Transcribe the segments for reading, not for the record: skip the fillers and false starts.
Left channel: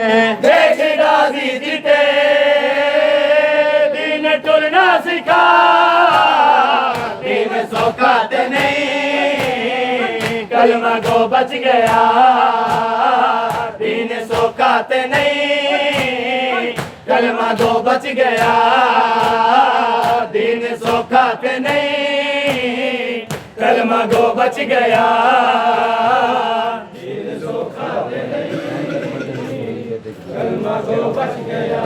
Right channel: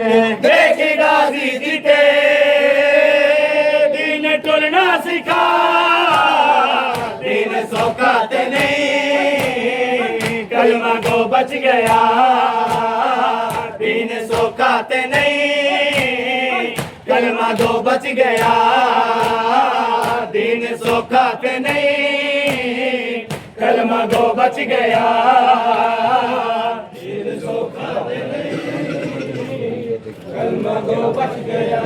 دیکھ غازی جیتے دین ٹرنا سکھا دین سوکھاتے نہیں کلمہ گو بچ گیا دین سوکھاتے نہیں کلمہ گو بچ گیا دین سوکھاتے نہیں کلمہ گو بچ گیا دین سوکھاتے نہیں کلمہ گو بچ گیا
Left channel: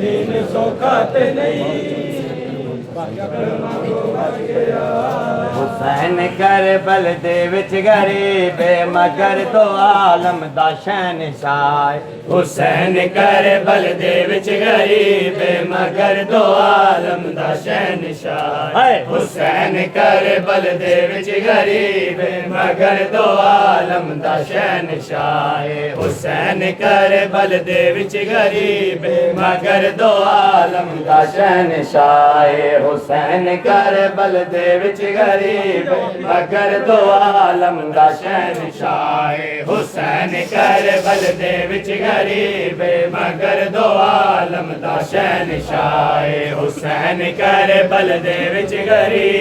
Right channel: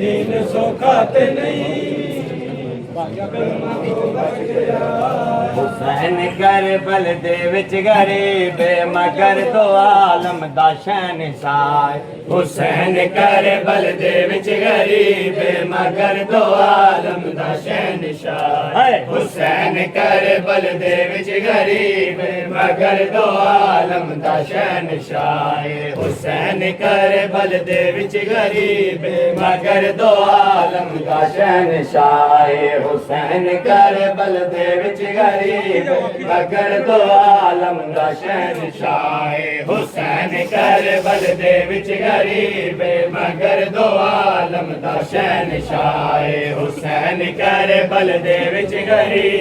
دین سوکھاتے نہیں کلمہ گو بچ گیا حسین کربل دے وچ غریب مگر دو عالم دا شہنشاہ حسین کربل دے وچ غریب مگر دو عالم دا شہنشاہ حسین کربل دے وچ غریب مگر دو عالم دا شہنشاہ حسین کربل دے وچ غریب مگر دو عالم دا شہنشاہ حسین کربل دے وچ غریب مگر دو عالم دا شہنشاہ حسین کربل دے وچ غریب مگر دو عالم دا شہنشاہ حسین کربل دے وچ غریب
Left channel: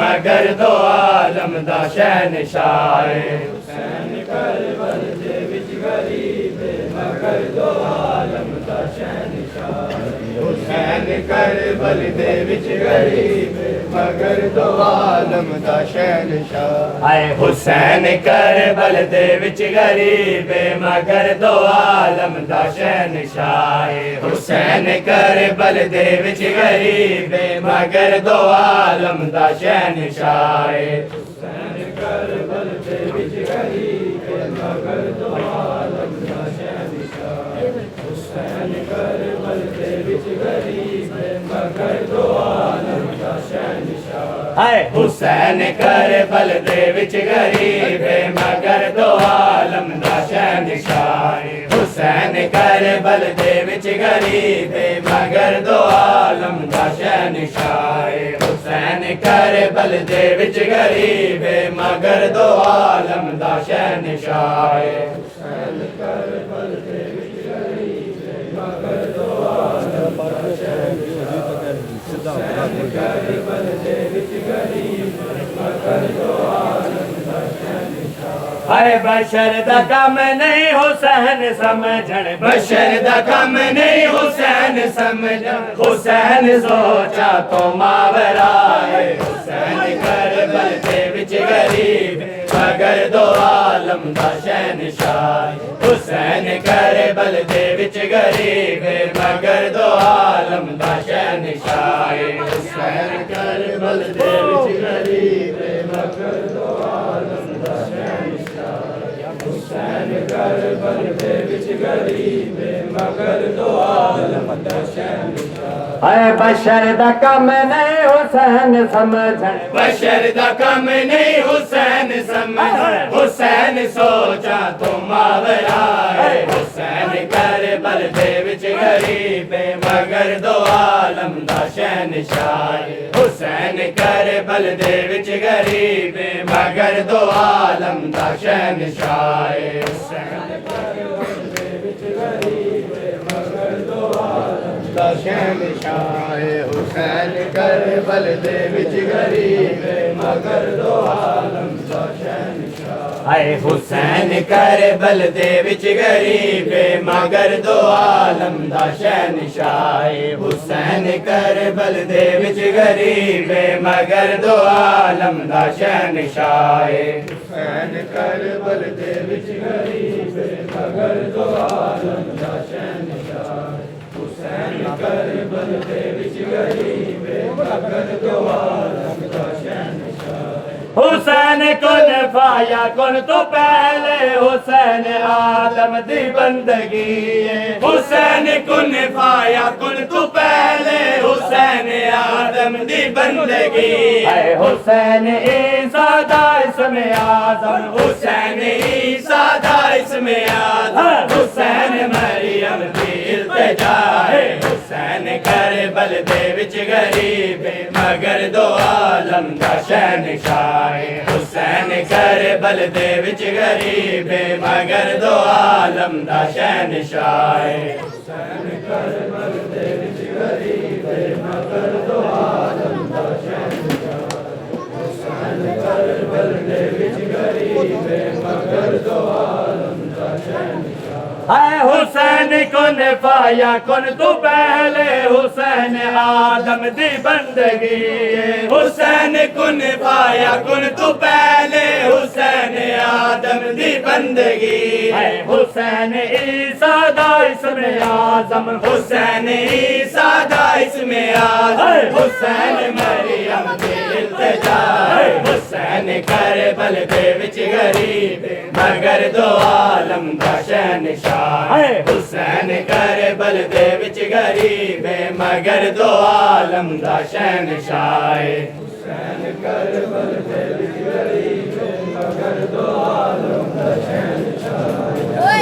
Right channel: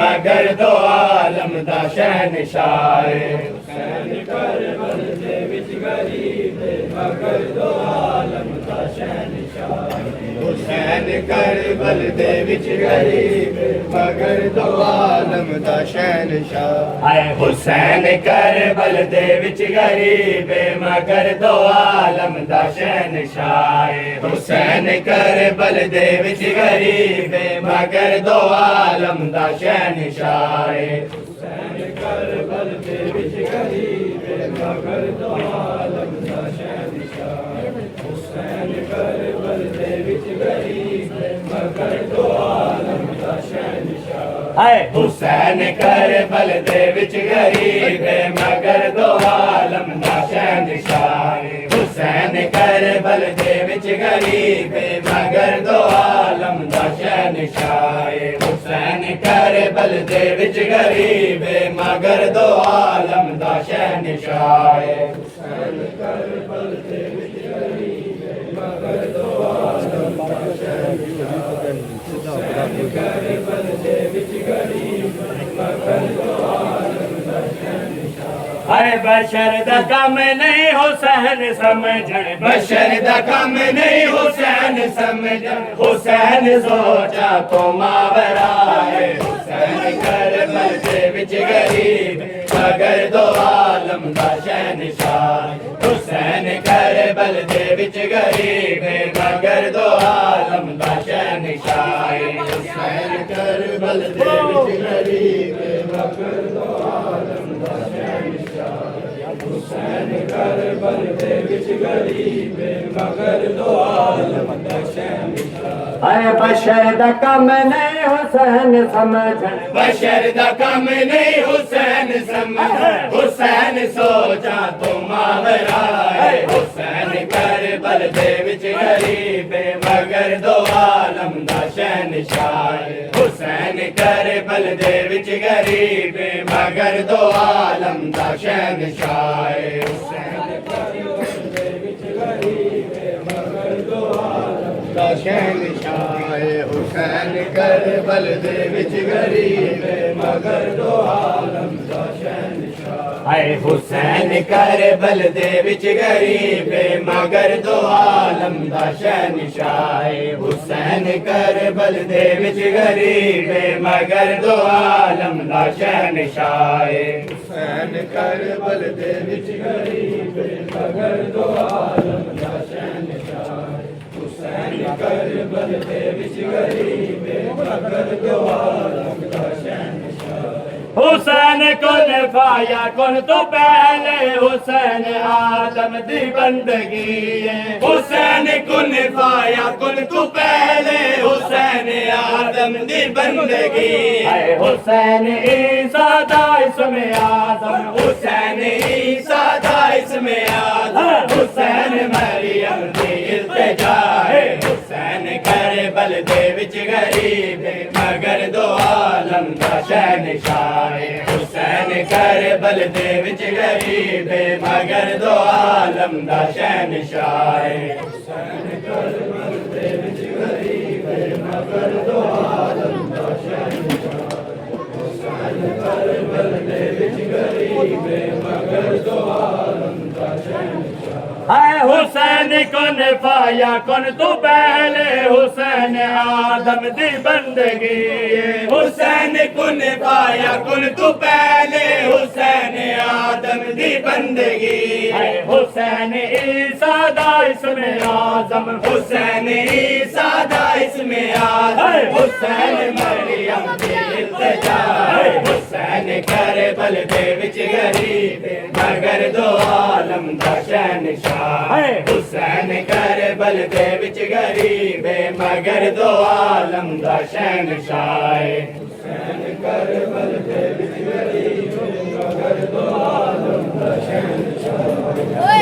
مگر دو عالم دا شہنشاہ حسین کربل دے وچ غریب مگر دو عالم دا شہنشاہ حسین کربل دے وچ غریب مگر دو عالم دا شہنشاہ حسین کربل دے وچ غریب مگر دو عالم دا شہنشاہ حسین کربل دے وچ غریب مگر دو عالم دا شہنشاہ حسین کربل دے وچ غریب مگر دو عالم دا شہنشاہ حسین کربل دے وچ غریب مگر دو عالم دا شہنشاہ حسین کربل دے وچ غریب مگر دو عالم دا شہنشاہ حسین کربل دے وچ غریب مگر دو عالم دا شہنشاہ حسین کربل دے وچ غریب مگر دو عالم دا شہنشاہ حسین کربل دے وچ غریب مگر دو عالم دا شہنشاہ حسین کربل دے وچ غریب مگر دو عالم دا شہنشاہ بشر دا کم نہیں حسین سمجھن بشر دا کم نہیں حسین سمجھن حسین سوچا تو ماورا حسین کربل دے وچ غریب مگر دو عالم دا شہنشاہ حسین کربل دے وچ غریب مگر دو عالم دا شہنشاہ حسین کربل دے وچ غریب مگر دو عالم دا شہنشاہ حسین کربل دے وچ غریب مگر دو عالم دا شہنشاہ بشر دا کم نہیں حسین سمجھن بشر دا کم نہیں حسین سمجھن حسین سوچا تو ماورا حسین کربل دے وچ غریب مگر دو عالم دا شہنشاہ حسین کربل دے وچ غریب مگر دو عالم دا شہنشاہ حسین کربل دے وچ غریب مگر دو عالم دا شہنشاہ حسین کربل دے وچ غریب مگر دو عالم دا شہنشاہ حسین کربل دے وچ غریب مگر دو عالم دا شہنشاہ حسین کربل دے وچ غریب مگر دو عالم دا شہنشاہ حسین کربل دے وچ غریب مگر دو عالم دا شہنشاہ حسین کربل دے وچ غریب مگر دو عالم دا شہنشاہ حسین کن فایا کن تو پہلے حسین عالم دی بندگی حسین کن فایا کن تو پہلے حسین عالم دی بندگی حسین عیسیٰ دا اسم اعظم حسین عیسیٰ دا اسم اعظم حسین مریم دی التجا حسین کربل دے وچ غریب مگر دو عالم دا شہنشاہ حسین کربل بلدے وچ غریب مگر دو عالم دا شہنشاہ حسین کربل دے وچ غریب مگر دو عالم دا شہنشاہ حسین کربل دے وچ غریب مگر دو عالم دا شہنشاہ اے حسین کن پایا کن تو پہلے حسین آدم دی بندگی حسین کن پایا کن تو پہلے حسین آدم دی بندگی اے حسین عیسیٰ دا اسم اعظم حسین عیسیٰ دا اسم اعظم حسین مریم دی التجا حسین کربل دے وچ غریب مگر دو عالم دا شہنشاہ حسین کربل دے وچ غریب مگر دو عالم دا شہنشاہ حسین کربل دے وچ غریب مگر دو عالم دا شہنشاہ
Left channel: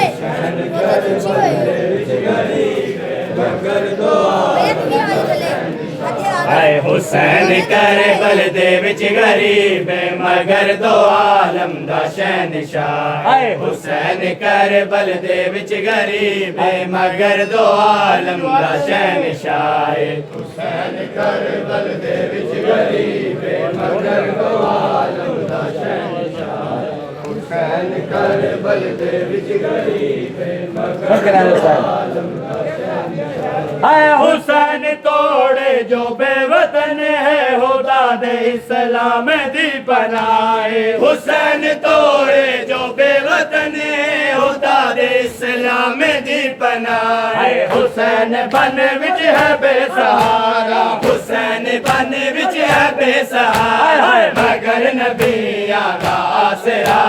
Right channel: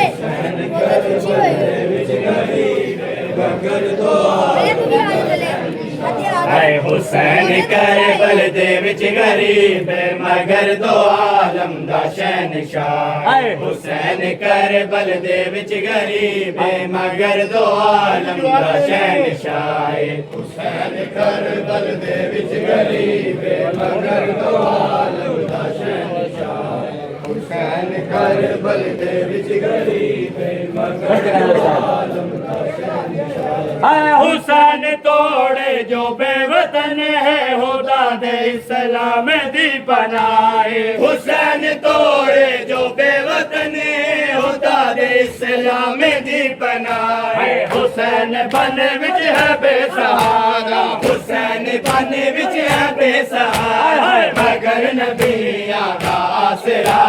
حسین کربل دے وچ غریب مگر دو عالم دا شہنشاہ اے حسین کربل دے وچ غریب مگر دو عالم دا شہنشاہ اے حسین کربل دے وچ غریب مگر دو عالم دا شہنشاہ حسین کربل دے وچ غریب مگر دو عالم دا شہنشاہ حسین کربل دے وچ غریب مگر دو عالم دا شہنشاہ اے حسین توڑے جو بے وطن ہے خدا دے اسلام دی پناہ حسین توڑے جو بے وطن ہے خدا دے اسلام دی پناہ حسین بن وچ ہے بے سہارا حسین بن وچ ہے بے سہارا مگر نبیاں دا آسرا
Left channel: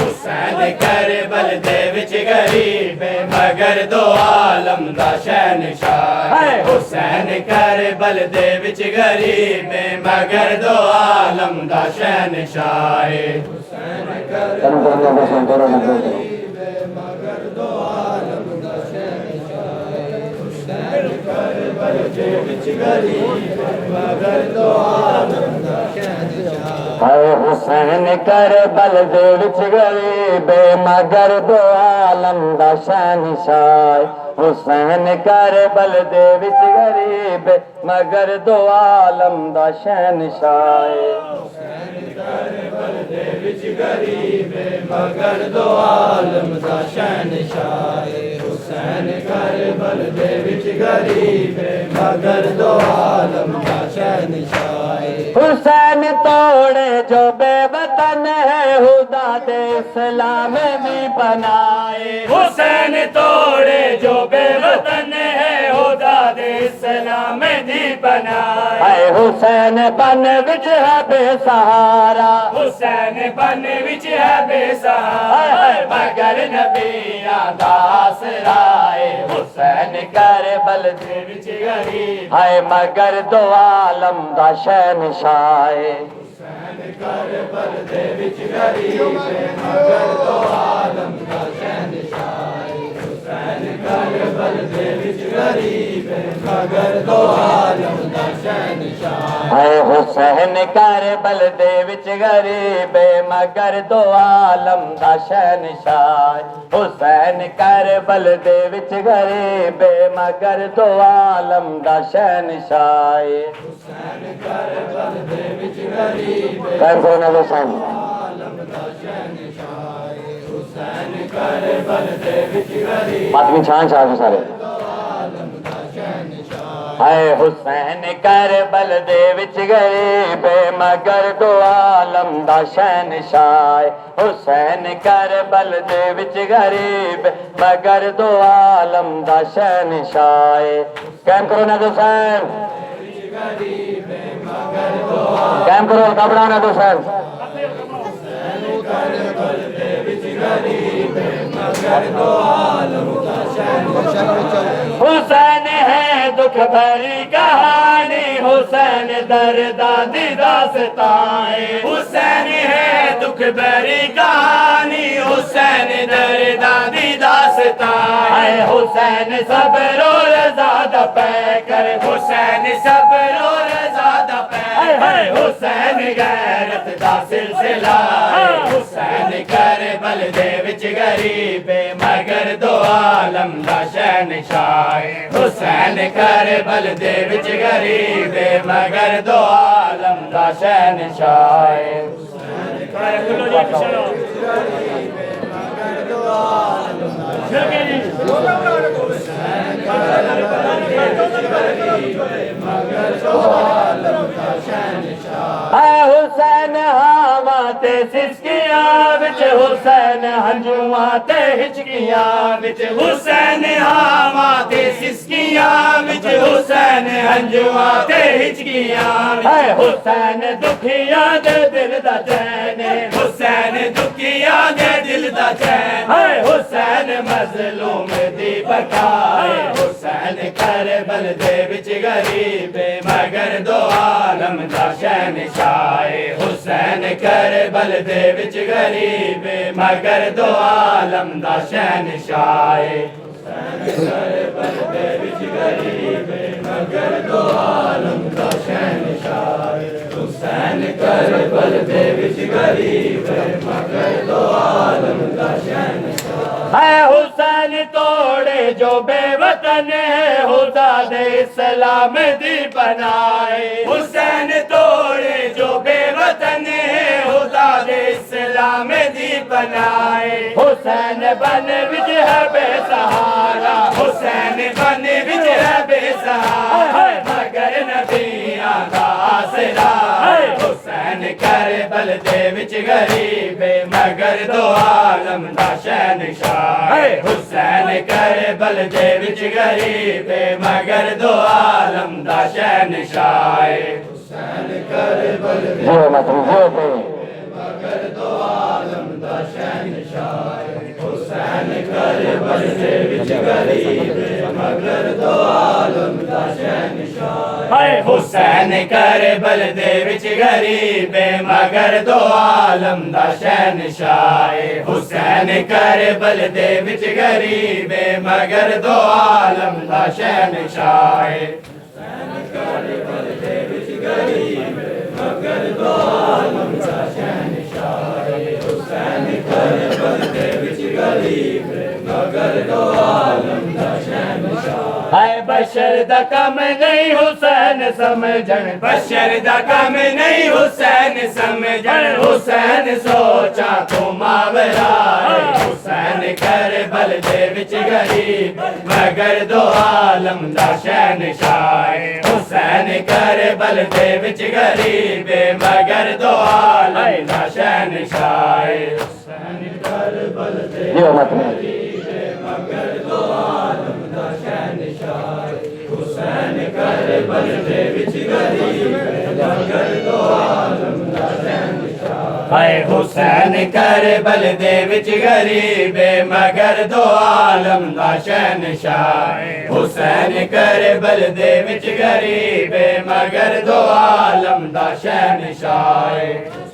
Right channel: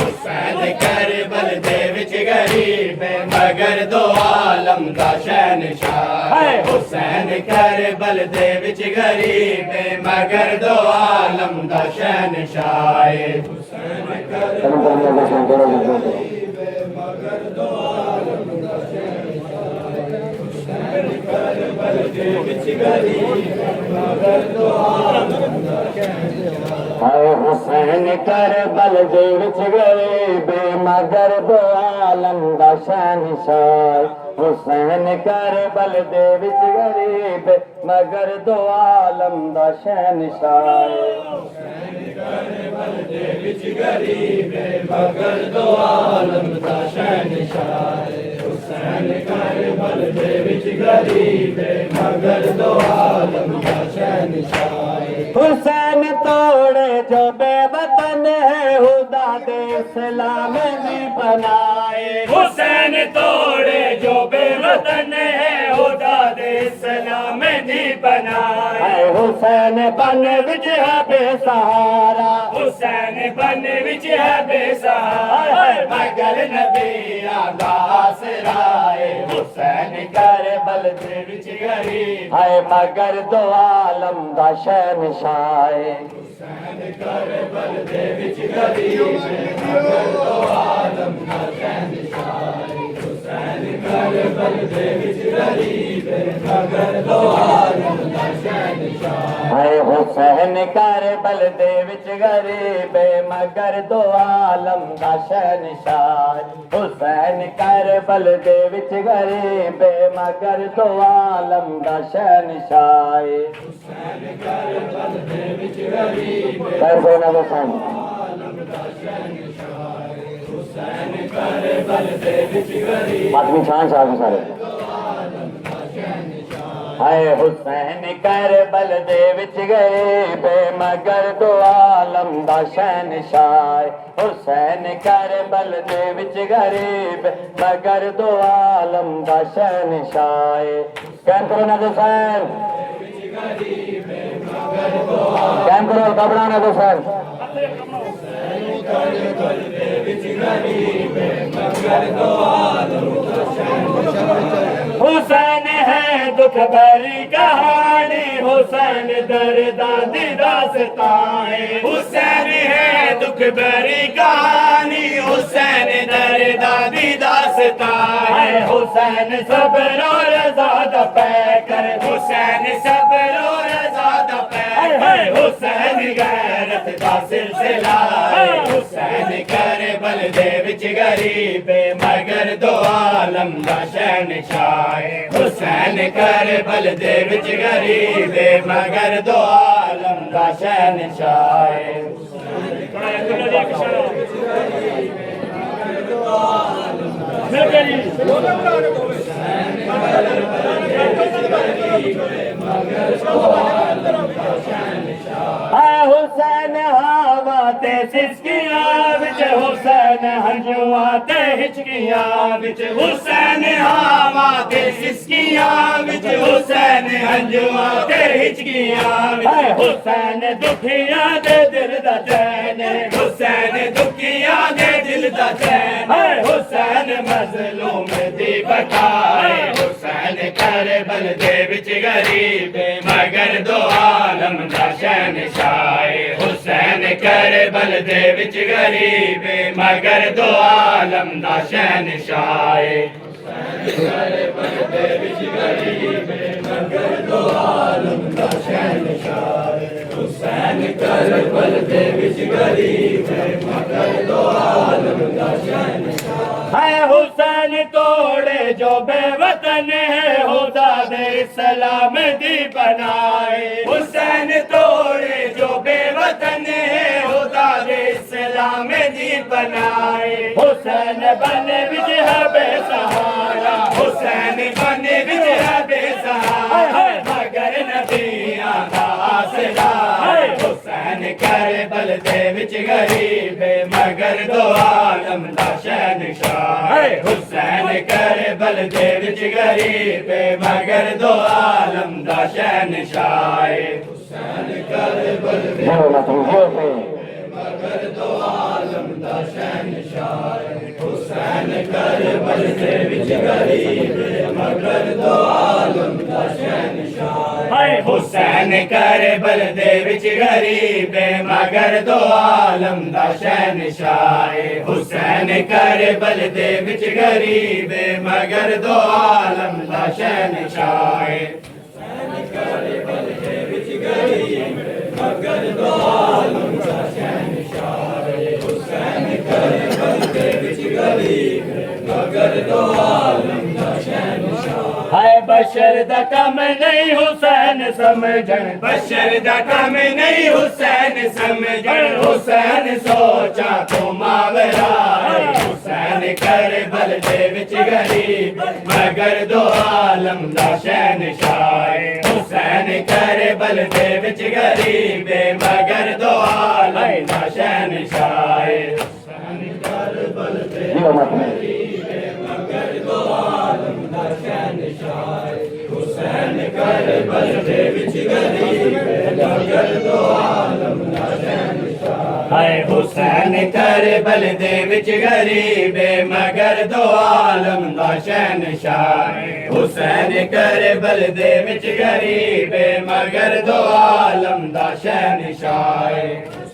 حسین کربل دے وچ غریب مگر دو عالم دا شہنشاہ حسین کربل دے وچ غریب مگر دو عالم دا شہنشاہ حسین کربل دے وچ غریب مگر دو عالم دا شہنشاہ حسین کربل دے وچ غریب مگر دو عالم دا شہنشاہ حسین کربل دے وچ غریب مگر دو عالم دا شہنشاہ حسین کربل دے وچ غریب مگر دو عالم دا شہنشاہ حسین کربل دے وچ غریب مگر دو عالم دا شہنشاہ حسین کربل دے وچ غریب مگر دو عالم دا شہنشاہ حسین توڑے جو بے وطن ہے خدا دے اسلام دی بنائے حسین توڑے جو بے وطن ہے خدا دے اسلام دی بنائے حسین بن وچ ہے بے سہارا حسین بن وچ ہے بے سہارا مگر نبیاں دا آسرا حسین کربل دے وچ غریب ہے مگر دو عالم دا شہنشاہ حسین کربل دے وچ غریب مگر دو عالم دا شہنشاہ حسین کربل دے وچ غریب مگر دو عالم دا شہنشاہ حسین کربل دے وچ غریب مگر دو عالم دا شہنشاہ حسین کربل دے وچ غریب مگر دو عالم دا شہنشاہ حسین کربل دے وچ غریب مگر دو عالم دا شہنشاہ حسین کربل دے وچ غریب آدمی چھان چھان سارے اے حسین کربل دے وچ غریب مگر دو عالم دا شہنشاہ حسین کربل دے وچ غریب مگر دو عالم دا شہنشاہ قائم کرو نا حسین قائم کرو کپڑا نا حسین کربل دے وچ غریب مگر دو عالم دا شہنشاہ حسین ہے دکھ بھری کہانی حسین درداں دی داستان حسین ہے دکھ بھری کہانی حسین درداں دی داستان حسین صبر و رضا دا پے کر حسین صبر و رضا دا پے ہے حسین غیرت دا سلسلہ حسین کربل دے وچ غریب مگر دو عالم دا شہنشاہ حسین کربل دے وچ غریب مگر دو عالم دا شہنشاہ حسین ہاواں تے سسکیاں وچ حسین ہنجواں تے ہچکیاں وچ حسین ہاواں تے سسکیاں وچ حسین ہنجواں تے ہچکیاں وچ حسین دکھیاں دے دل دا چین حسین دکھیاں دے دل دا چین حسین مظلوم دی بقائے حسین کربل دے وچ غریب مگر دو عالم دا شہنشاہ حسین کربل دے وچ غریب مگر دو عالم دا شہنشاہ حسین کربل دے وچ غریب مگر دو عالم دا شہنشاہ حسین کربل دے وچ غریب مگر دو عالم دا شہنشاہ ہے حسین توڑے جو بے وطن ہے خدا دے اسلام دی بنائے حسین توڑے جو بے وطن ہے خدا دے اسلام دی بنائے حسین بن وچ ہے بے سہارا حسین بن وچ ہے بے سہارا مگر نبیاں دا آسرا حسین کربل دے وچ غریب مگر دو عالم دا شہنشاہ حسین کربل دے وچ غریب مگر دو عالم دا شہنشاہ حسین کربل دے مگر دو عالم دا شہنشاہ حسین کربل دے وچ غریب مگر دو عالم دا شہنشاہ حسین کربل دے وچ غریب مگر دو عالم دا شہنشاہ حسین کربل دے وچ غریب مگر دو عالم دا شہنشاہ حسین کربل دے وچ غریب مگر دو عالم دا شہنشاہ حسین کربل دے وچ غریب مگر دو عالم دا شہنشاہ ہے بشر دا کم نہیں حسین سمجھن بشر دا کم نہیں حسین سمجھن حسین سوچا تو ماورا حسین کربل دے وچ غریب مگر دو عالم دا شہنشاہ حسین کربل دے وچ غریب مگر دو عالم دا شہنشاہ حسین کربل دے مگر دو عالم دا شہنشاہ حسین کربل دے وچ غریب مگر دو عالم دا شہنشاہ حسین کربل دے وچ غریب مگر دو عالم دا شہنشاہ حسین کربل دے وچ غریب مگر دو عالم دا شہنشاہ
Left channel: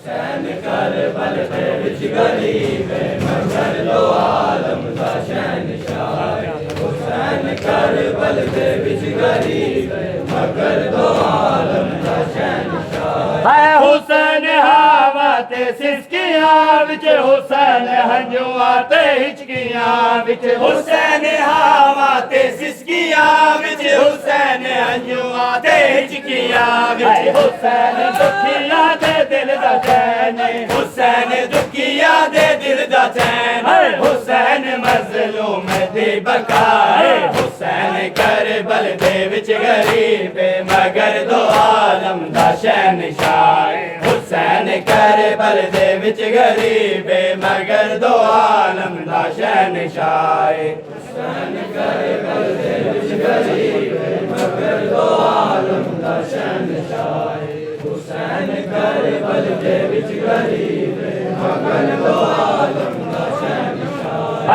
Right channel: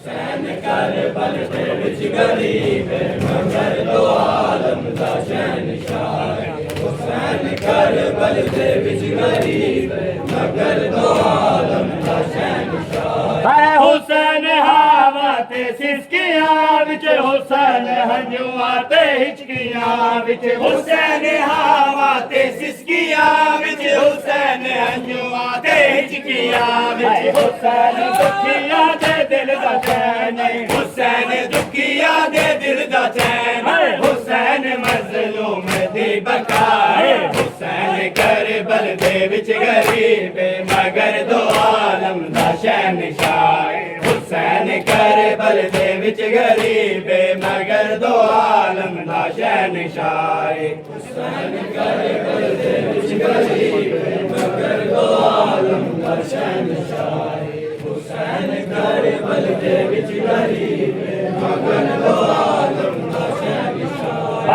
حسین کربل دے وچ غریب مگر دو عالم دا شہنشاہ حسین کربل دے وچ غریب مگر دو عالم دا شہنشاہ حسین ہاواں تے سسکیاں وچ حسین ہنجواں تے ہچکیاں وچ حسین ہاواں تے سسکیاں وچ حسین ہنجواں تے ہچکیاں وچ حسین دکھیاں دے دل دا چین حسین دکھیاں دے دل دا چین حسین مظلوم دی بقائے حسین کربل دے وچ غریب مگر دو عالم دا شہنشاہ حسین کربل دے وچ غریب مگر دو عالم دا شہنشاہ حسین کربل دے وچ غریب مگر دو عالم دا شہنشاہ حسین کربل دے وچ غریب مگر دو عالم دا شہنشاہ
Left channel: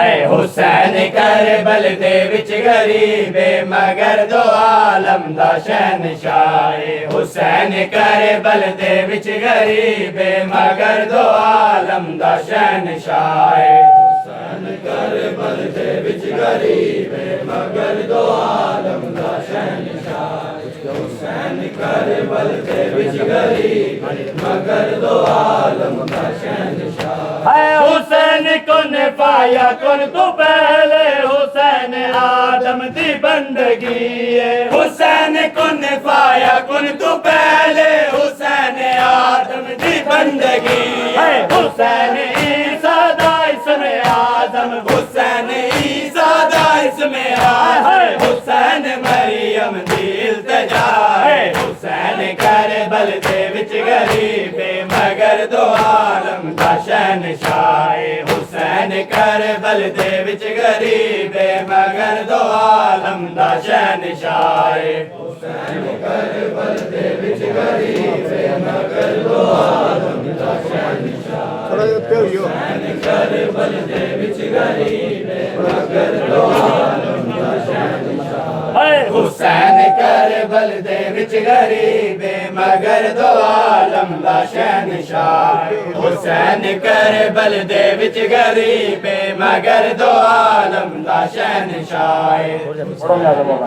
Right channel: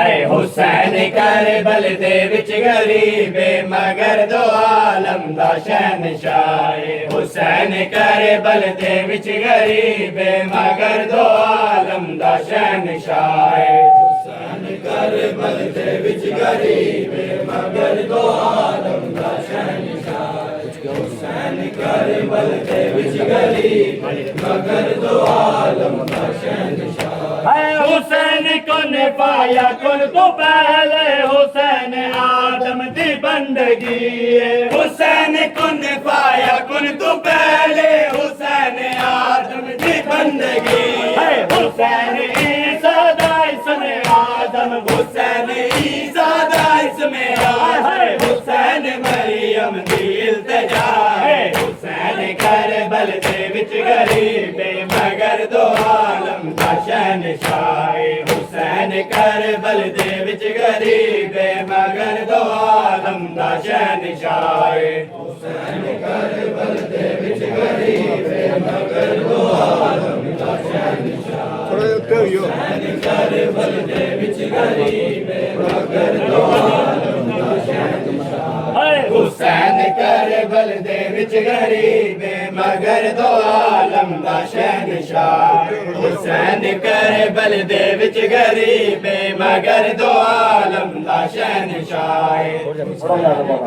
حسین کربل دے وچ غریب مگر دو عالم دا شہنشاہ حسین کربل دے وچ غریب مگر دو عالم دا شہنشاہ حسین کربل دے وچ غریب مگر دو عالم دا شہنشاہ حسین کربل دے وچ غریب مگر دو عالم دا شہنشاہ ہے حسین کن پایا کن تو پہلے حسین آدم دی بندگی ہے حسین کن پایا کن تو پہلے حسین آدم دی بندگی ہے حسین عیسیٰ دا اسم آدم حسین عیسیٰ دا اسم آدم حسین مریم دی التجا ہے حسین کربل دے وچ غریب مگر دو عالم دا شہنشاہ حسین کربل دے وچ غریب مگر دو عالم دا شہنشاہ حسین کربل دے وچ غریب مگر دو عالم دا شہنشاہ حسین کربل دے وچ غریب مگر دو عالم دا شہنشاہ حسین کربل دے وچ غریب مگر دو عالم دا شہنشاہ حسین کربل دے وچ غریب مگر دو عالم دا شہنشاہ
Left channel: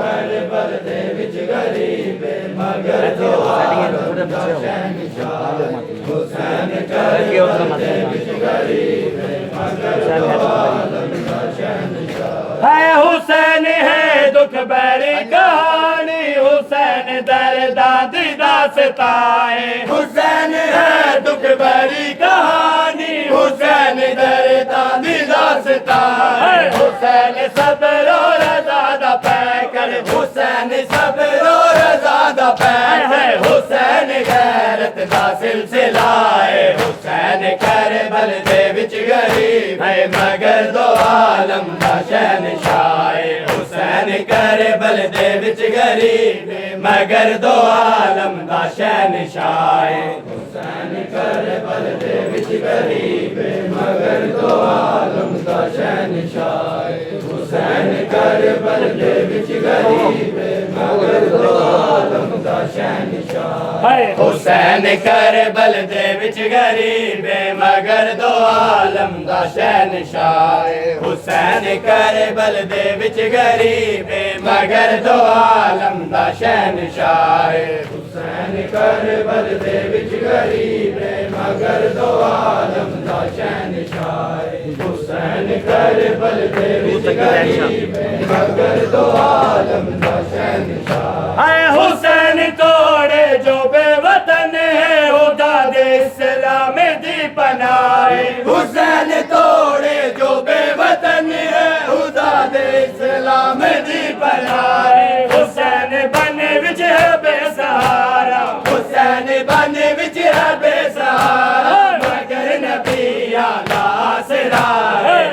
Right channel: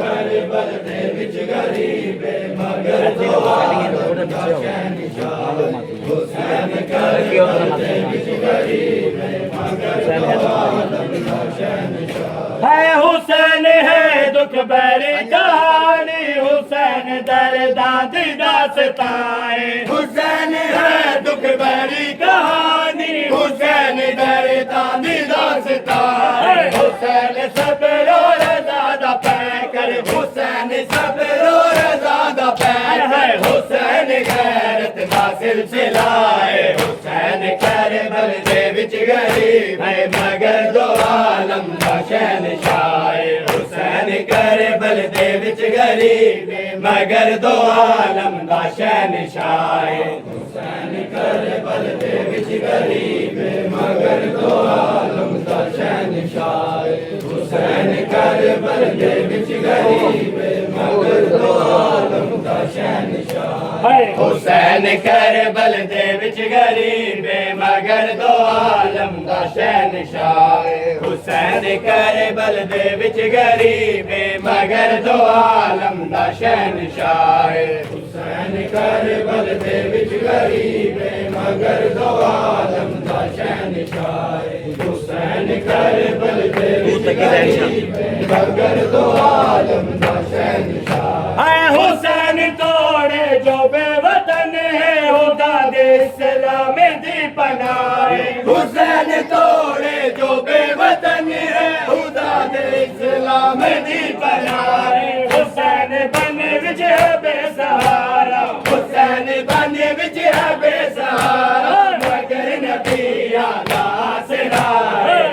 کربل دے وچ غریب مگر دو عالم دا شہنشاہ حسین کربل دے وچ غریب مگر دو عالم دا شہنشاہ ہے حسین ہے دکھ بھری کہانی حسین درداں دی داستان حسین ہے دکھ بھری کہانی حسین درداں دی داستان حسین صبر و رضا دا پیکر حسین صبر و رضا دا پیکر حسین غیرت دا سلسلہ ہے حسین کربل دے وچ غریب ہے مگر دو عالم دا شہنشاہ حسین کربل دے وچ غریب مگر دو عالم دا شہنشاہ حسین کربل دے وچ غریب مگر دو عالم دا شہنشاہ حسین کربل دے وچ غریب مگر دو عالم دا شہنشاہ حسین کربل دے وچ غریب مگر دو عالم دا شہنشاہ حسین کربل دے وچ غریب مگر دو عالم دا شہنشاہ حسین کربل دے وچ غریب مگر دو عالم دا شہنشاہ حسین کربل دے وچ غریب مگر دو عالم دا شہنشاہ اے حسین توڑے جو بے وطن ہے خدا دے اسلام دی پناہ حسین توڑے جو بے وطن ہے خدا دے اسلام دی پناہ حسین بن وچ ہے بے سہارا حسین بن وچ ہے بے سہارا مگر نبی آلہ آسرا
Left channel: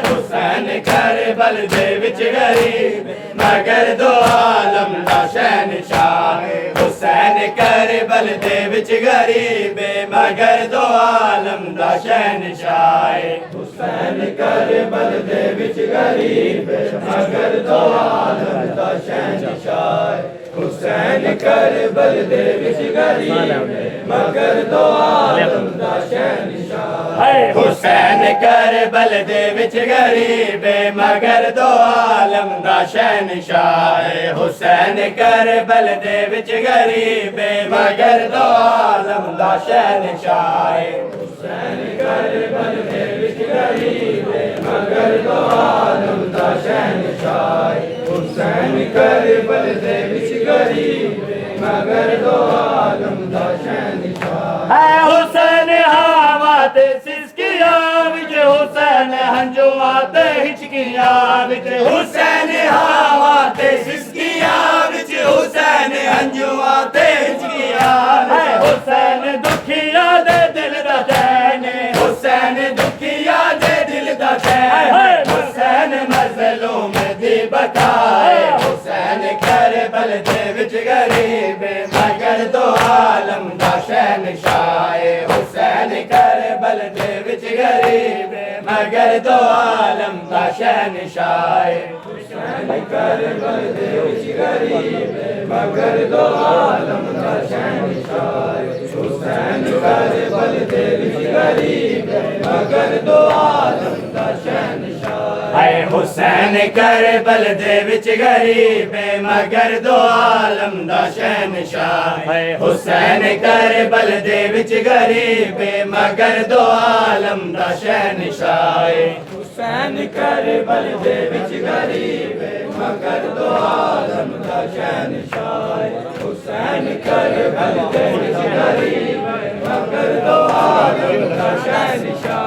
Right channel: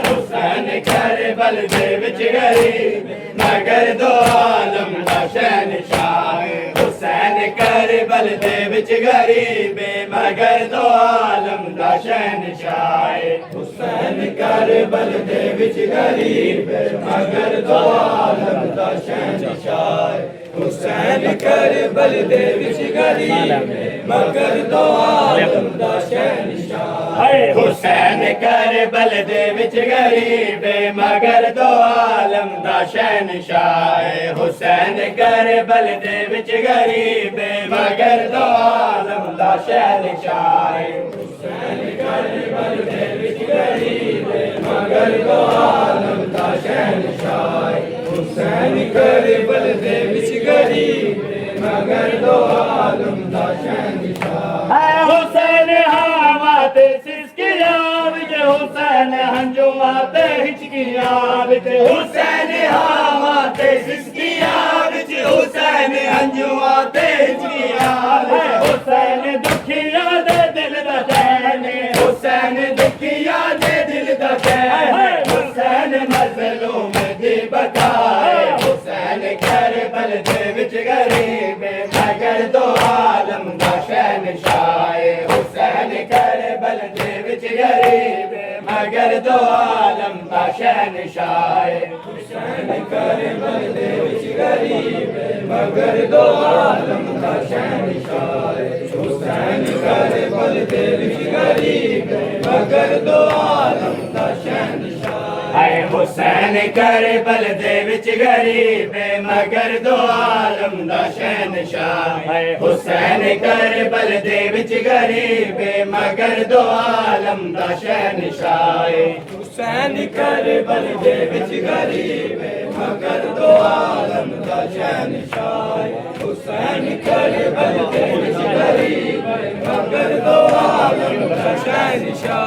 حسین کربل دے وچ غریب مگر دو عالم دا شہنشاہ حسین کربل دے وچ غریب مگر دو عالم دا شہنشاہ حسین کربل دے وچ غریب مگر دو عالم دا شہنشاہ حسین کربل دے وچ غریب مگر دو عالم دا شہنشاہ حسین کربل دے وچ غریب مگر دو عالم دا شہنشاہ حسین کربل دے وچ غریب مگر دو عالم دا شہنشاہ حسین کربل دے وچ غریب مگر دو عالم دا شہنشاہ حسین کربل دے وچ غریب مگر دو عالم دا شہنشاہ حسین ہاوات سسکیا وچ حسین ہنجوات ہچکیا وچ حسین ہاوات سسکیا وچ حسین ہنجوات ہچکیا حسین دکھیا دے دل دا چین حسین دکھیا دے دل دا چین حسین مظلوم دی بقائے حسین کربل دے وچ غریب مگر دو عالم دا شہنشاہ حسین کربل دے وچ غریب مگر دو عالم دا شہنشاہ حسین کربل دے وچ غریب مگر دو عالم دا شہنشاہ حسین کربل دے وچ غریب مگر دو عالم دا شہنشاہ حسین کربل دے وچ غریب مگر دو عالم دا شہنشاہ حسین کربل دے وچ غریب مگر دو عالم دا شہنشاہ حسین کربل دے وچ غریب مگر دو عالم دا شہنشاہ حسین کربل دے وچ غریب مگر دو عالم دا شہنشاہ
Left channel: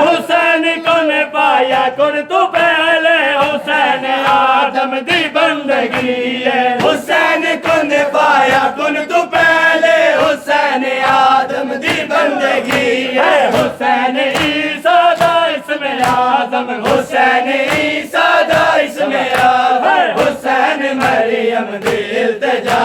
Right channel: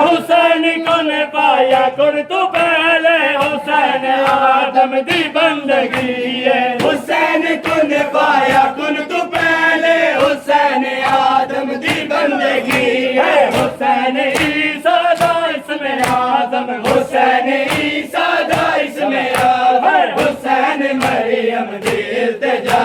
حسین کون پایا کن تو پہلے حسین آدم دی بندگی ہے حسین کن پایا کن تو پہلے حسین آدم دی بندگی ہے حسین عیسیٰ دا اسم اعظم حسین عیسیٰ دا اسم اعظم حسین مریم دی التجا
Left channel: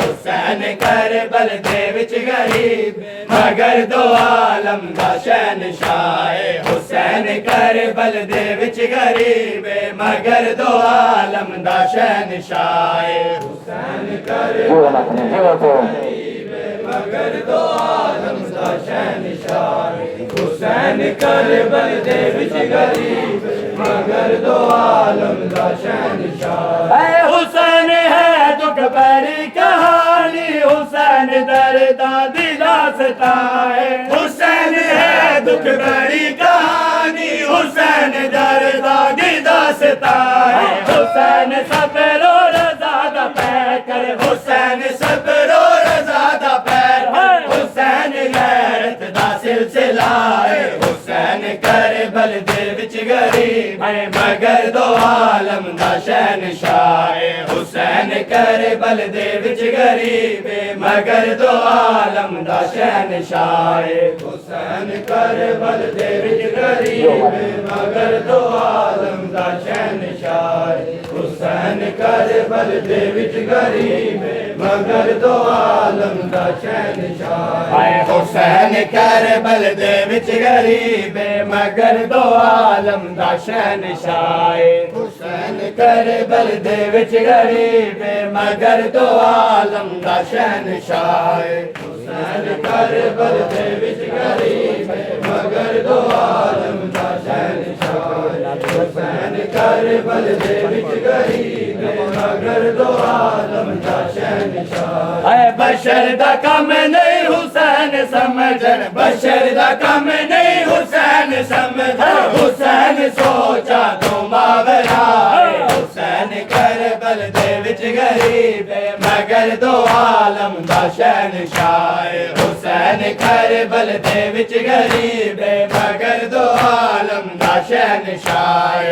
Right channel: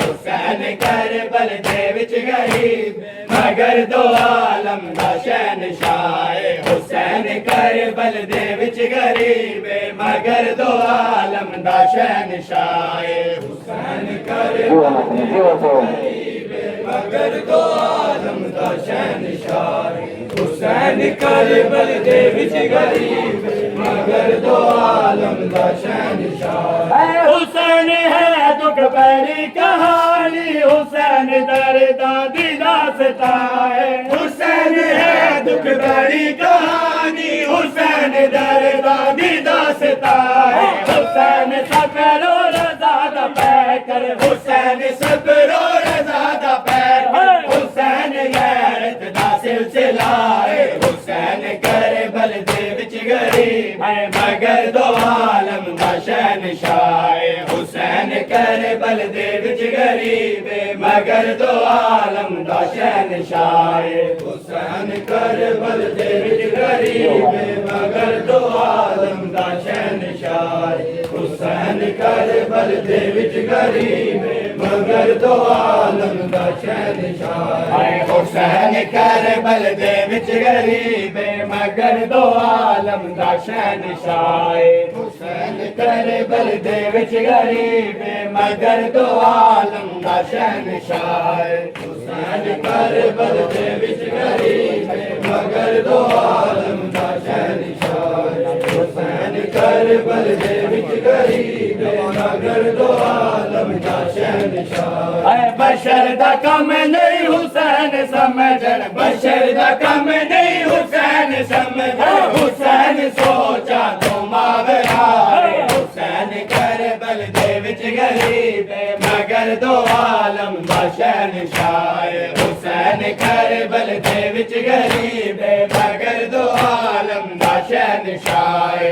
حسین کربل دے وچ غریب مگر دو عالم دا شہنشاہ حسین کربل دے وچ غریب مگر دو عالم دا شہنشاہ حسین کربل دے وچ غریب مگر دو عالم دا شہنشاہ حسین کربل دے وچ غریب مگر دو عالم دا شہنشاہ حسین ہے دکھ بھری کہانی حسین درداں دی داستان حسین ہے دکھ بھری کہانی حسین درداں دی داستان حسین صبر و رضا دا پیکر حسین صبر و رضا دا پیکر حسین غیرت دا سلسلہ حسین کربل دے وچ غریب مگر دو عالم دا شہنشاہ حسین کربل دے وچ غریب مگر دو عالم دا شہنشاہ حسین کربل دے وچ غریب مگر دو عالم دا شہنشاہ حسین کربل دے وچ غریب مگر دو عالم دا شہنشاہ حسین کربل دے وچ غریب مگر دو عالم دا شہنشاہ حسین کربل دے وچ غریب مگر دو عالم دا شہنشاہ حسین کربل دے وچ غریب مگر دو عالم دا شہنشاہ حسین کربل دے وچ غریب مگر دو عالم دا شہنشاہ بشر دا کم نہیں حسین سمجھن بشر دا کم نہیں حسین سمجھن حسین سوچا تو ماورا حسین کربل دے وچ غریب مگر دو عالم دا شہنشاہ حسین کربل دے وچ غریب مگر دو عالم دا شہنشاہ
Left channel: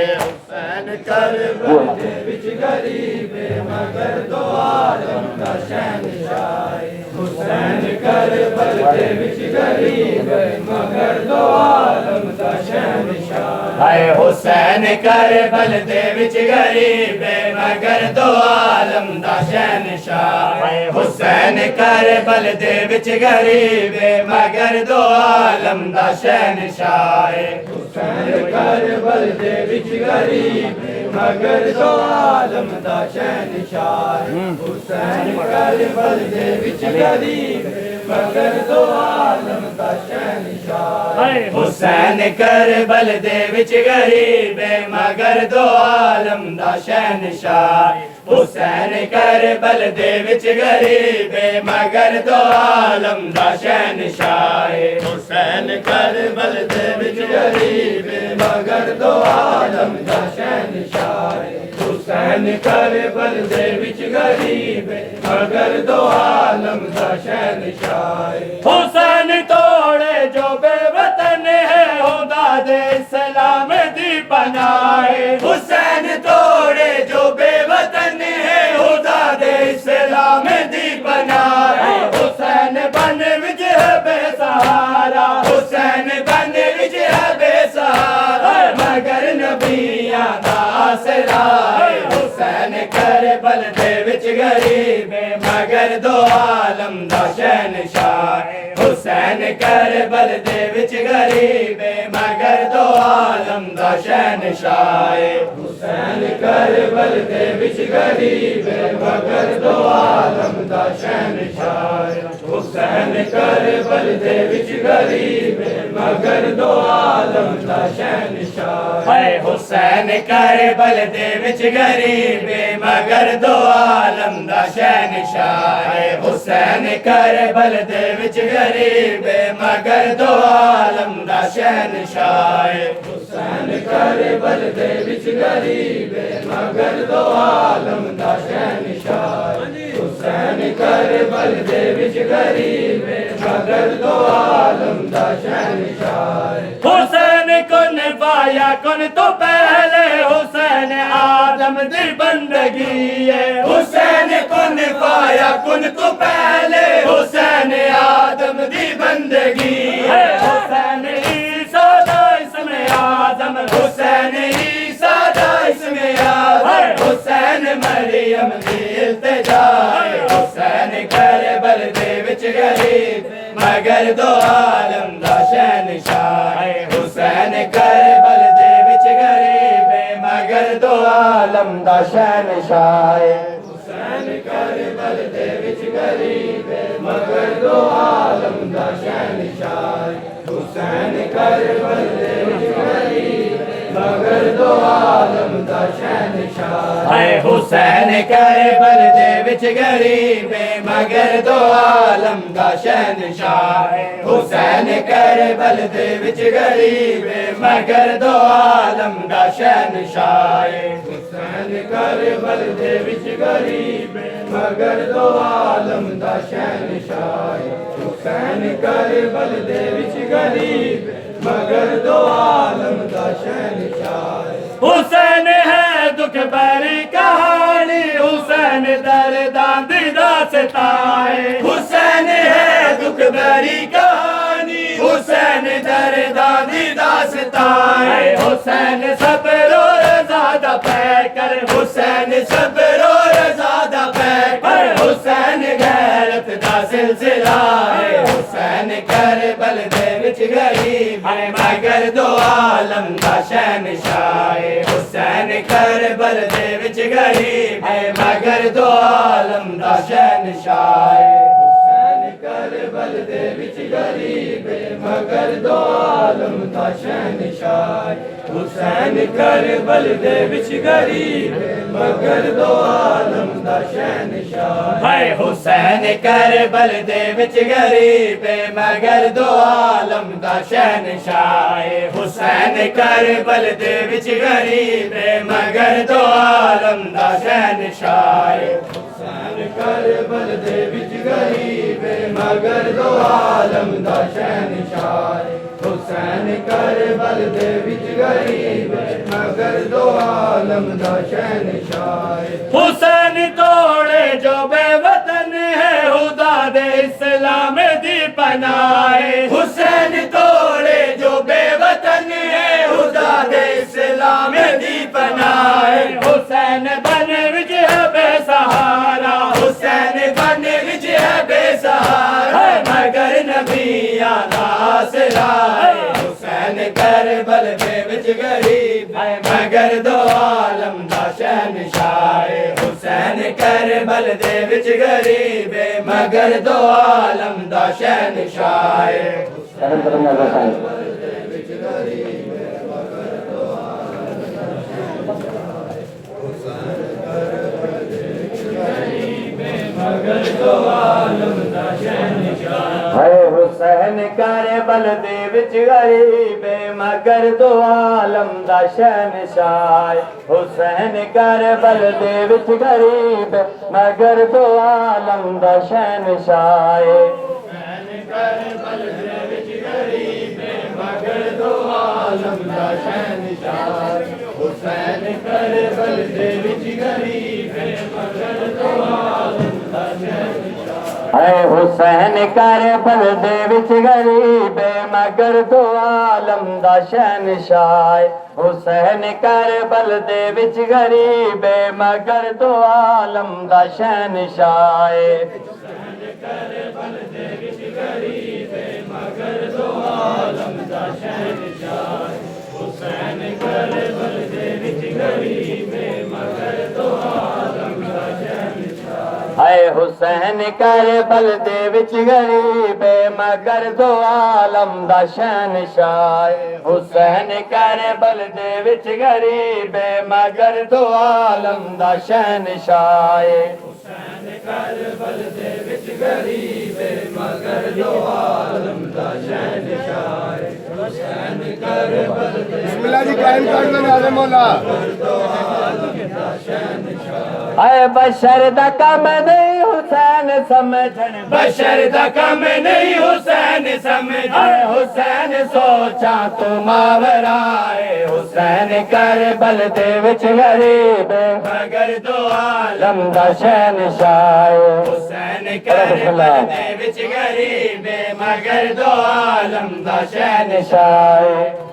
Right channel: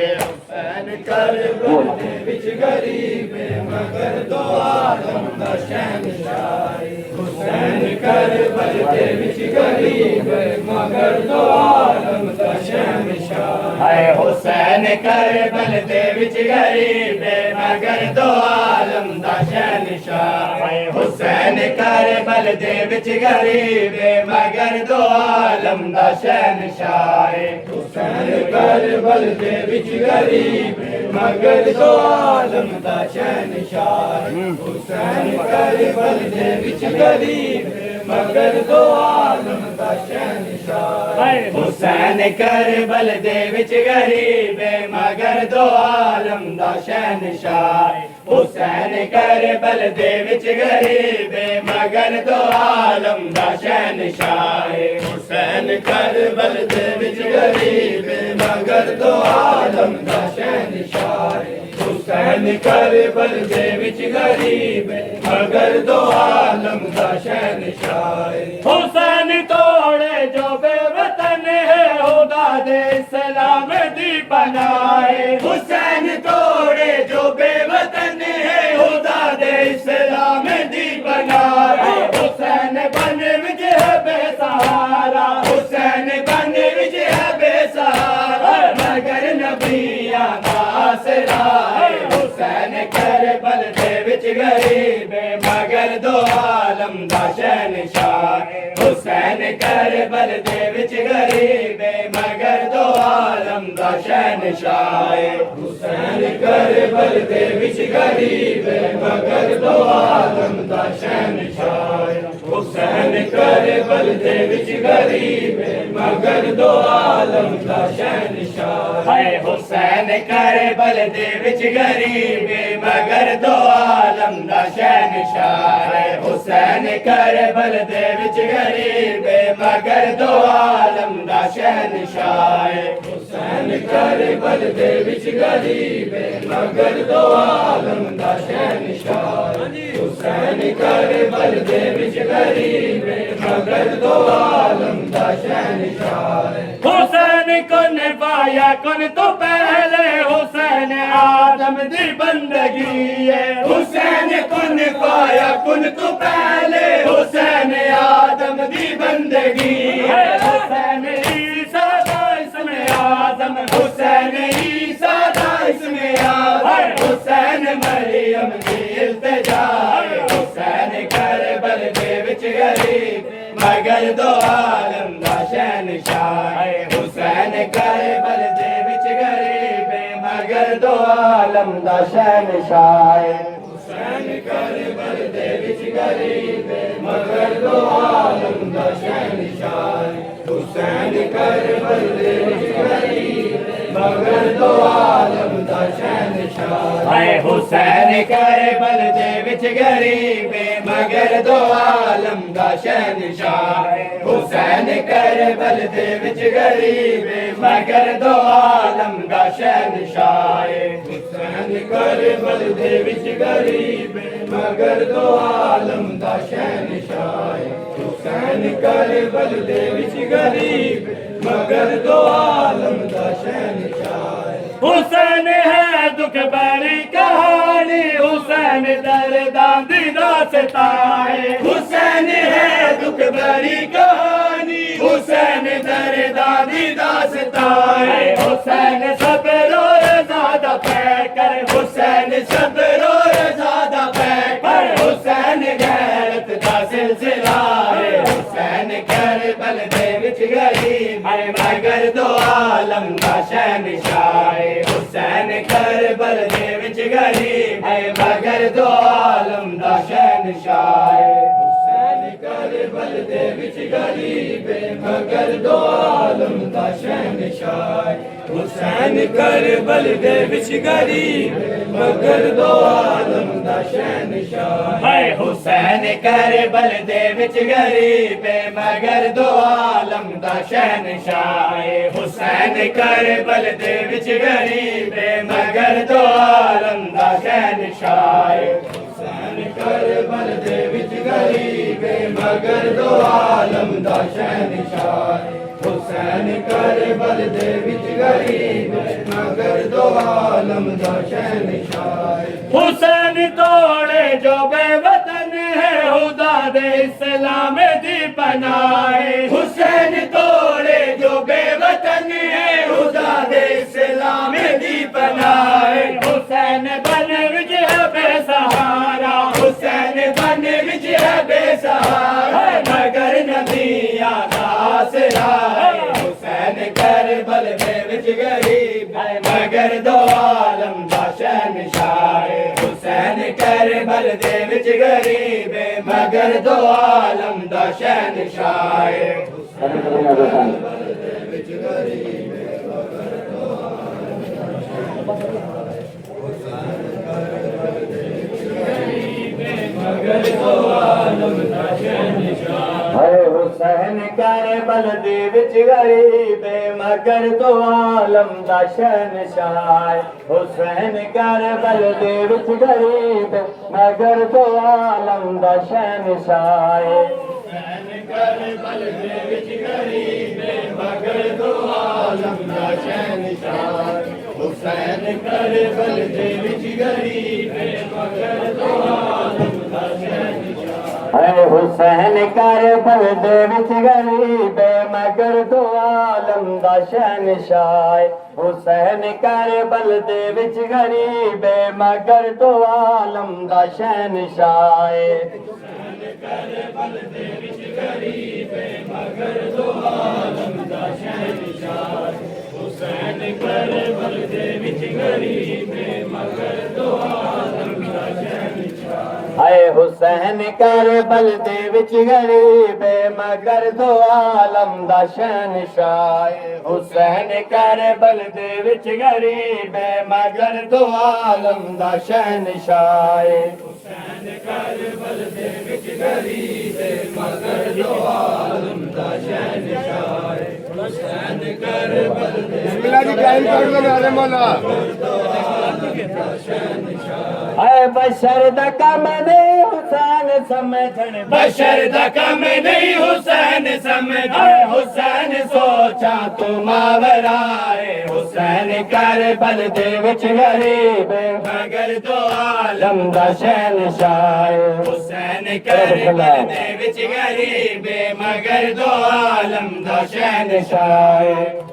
حسین کربل دے وچ غریب مگر دو عالم دا شہنشاہ حسین کربل دے وچ غریب مگر دو عالم دا شہنشاہ حسین کربل دے وچ غریب مگر دو عالم دا شہنشاہ حسین کربل دے وچ غریب مگر دو عالم دا شہنشاہ حسین کربل دے وچ غریب مگر دو عالم دا شہنشاہ حسین کربل دے وچ غریب مگر دو عالم دا شہنشاہ حسین کربل دے وچ غریب مگر دو عالم دا شہنشاہ حسین کربل دے وچ غریب مگر دو عالم دا شہنشاہ حسین کربل دے وچ غریب مگر دو عالم دا شہنشاہ حسین کربل دے وچ غریب مگر دو عالم دا شہنشاہ حسین توڑے جو بے وطن ہے خدا دے اسلام دی پناہ حسین توڑے جو بے وطن ہے خدا دے اسلام دی پناہ حسین بن وچ ہے بے سہارا حسین بن وچ ہے بے سہارا مگر نبیاں دا آسرا حسین کربل دے وچ غریب مگر دو عالم دا شہنشاہ حسین کربل دے وچ غریب مگر دو عالم دا شہنشاہ حسین کربل دے وچ غریب مگر دو عالم دا شہنشاہ حسین کربل دے وچ غریب مگر دو عالم دا شہنشاہ حسین کربل دے وچ غریب مگر دو عالم دا شہنشاہ حسین کربل دے وچ غریب مگر دو عالم دا شہنشاہ حسین کربل دے وچ غریب مگر دو عالم دا شہنشاہ حسین کربل دے وچ غریب مگر دو عالم دا شہنشاہ حسین کن پایا کن تو پہلے حسین آدم دی بندگی ہے حسین کن پایا کن تو پہلے حسین آدم دی بندگی ہے حسین عیسیٰ دا اسم آدم حسین عیسیٰ دا اسم آدم حسین مریم دی التجا حسین کربل دے وچ غریب مگر دو عالم دا شہنشاہ حسین کربل دے وچ غریب مگر دو عالم دا شہنشاہ حسین کربل دے وچ غریب مگر دو عالم دا شہنشاہ حسین کربل دے وچ غریب مگر دو عالم دا شہنشاہ حسین کربل دے وچ غریب مگر دو عالم دا شہنشاہ حسین کربل دے وچ غریب مگر دو عالم دا شہنشاہ حسین کربل دے وچ غریب مگر دو عالم دا شہنشاہ حسین کربل دے وچ غریب مگر دو عالم دا شہنشاہ حسین ہے دکھ بھری کہانی حسین درداں دی داستان حسین ہے دکھ بھری کہانی حسین درداں دی داستان حسین صبر و رضا پہ کر حسین صبر و رضا پہ کر حسین غیرت دا سلسلہ حسین کربل دے وچ غریب مگر دو عالم دا شہنشاہ حسین کربل دے وچ غریب مگر دو عالم دا شہنشاہ حسین کربل دے وچ غریب مگر دو عالم دا شہنشاہ حسین کربل دے وچ غریب مگر دو عالم دا شہنشاہ حسین کربل دے وچ غریب مگر دو عالم دا شہنشاہ حسین کربل دے وچ غریب مگر دو عالم دا شہنشاہ حسین کربل دے وچ غریب مگر دو عالم دا شہنشاہ حسین کربل دے وچ غریب مگر دو عالم دا شہنشاہ حسین توڑے جو بے وطن ہے خدا دے اسلام دی پناہ حسین توڑے جو بے وطن ہے خدا دے اسلام دی پناہ حسین بن وچ ہے بے سہارا حسین بن وچ ہے بے سہارا مگر نبی آنا آسرا حسین کربل دے وچ غریب مگر دو عالم دا شہنشاہ حسین کربل دے وچ غریب مگر دو عالم دا شہنشاہ حسین کربل دے وچ غریب مگر دو عالم دا شہنشاہ حسین کربل دے وچ غریب مگر دو عالم دا شہنشاہ حسین کربل دے وچ غریب مگر دو عالم دا شہنشاہ حسین کربل دے وچ غریب مگر دو عالم دا شہنشاہ حسین کربل دے وچ غریب مگر دو عالم دا شہنشاہ حسین کربل دے وچ غریب مگر دو عالم دا شہنشاہ حسین کربل دے وچ غریب مگر دو عالم دا شہنشاہ حسین کربل دے وچ غریب مگر دو عالم دا شہنشاہ حسین کربل دے وچ غریب مگر دو عالم دا شہنشاہ حسین کربل دے وچ غریب مگر دو عالم دا شہنشاہ حسین کربل دے وچ غریب مگر دو عالم دا شہنشاہ حسین کربل دے اے بشر دا کم نہیں حسین سمجھن بشر دا کم نہیں حسین سمجھن حسین سوچا تو ماورائے حسین کربل دے وچ غریب مگر دو عالم دا شہنشاہ حسین کربل دے وچ غریب مگر دو عالم دا شہنشاہ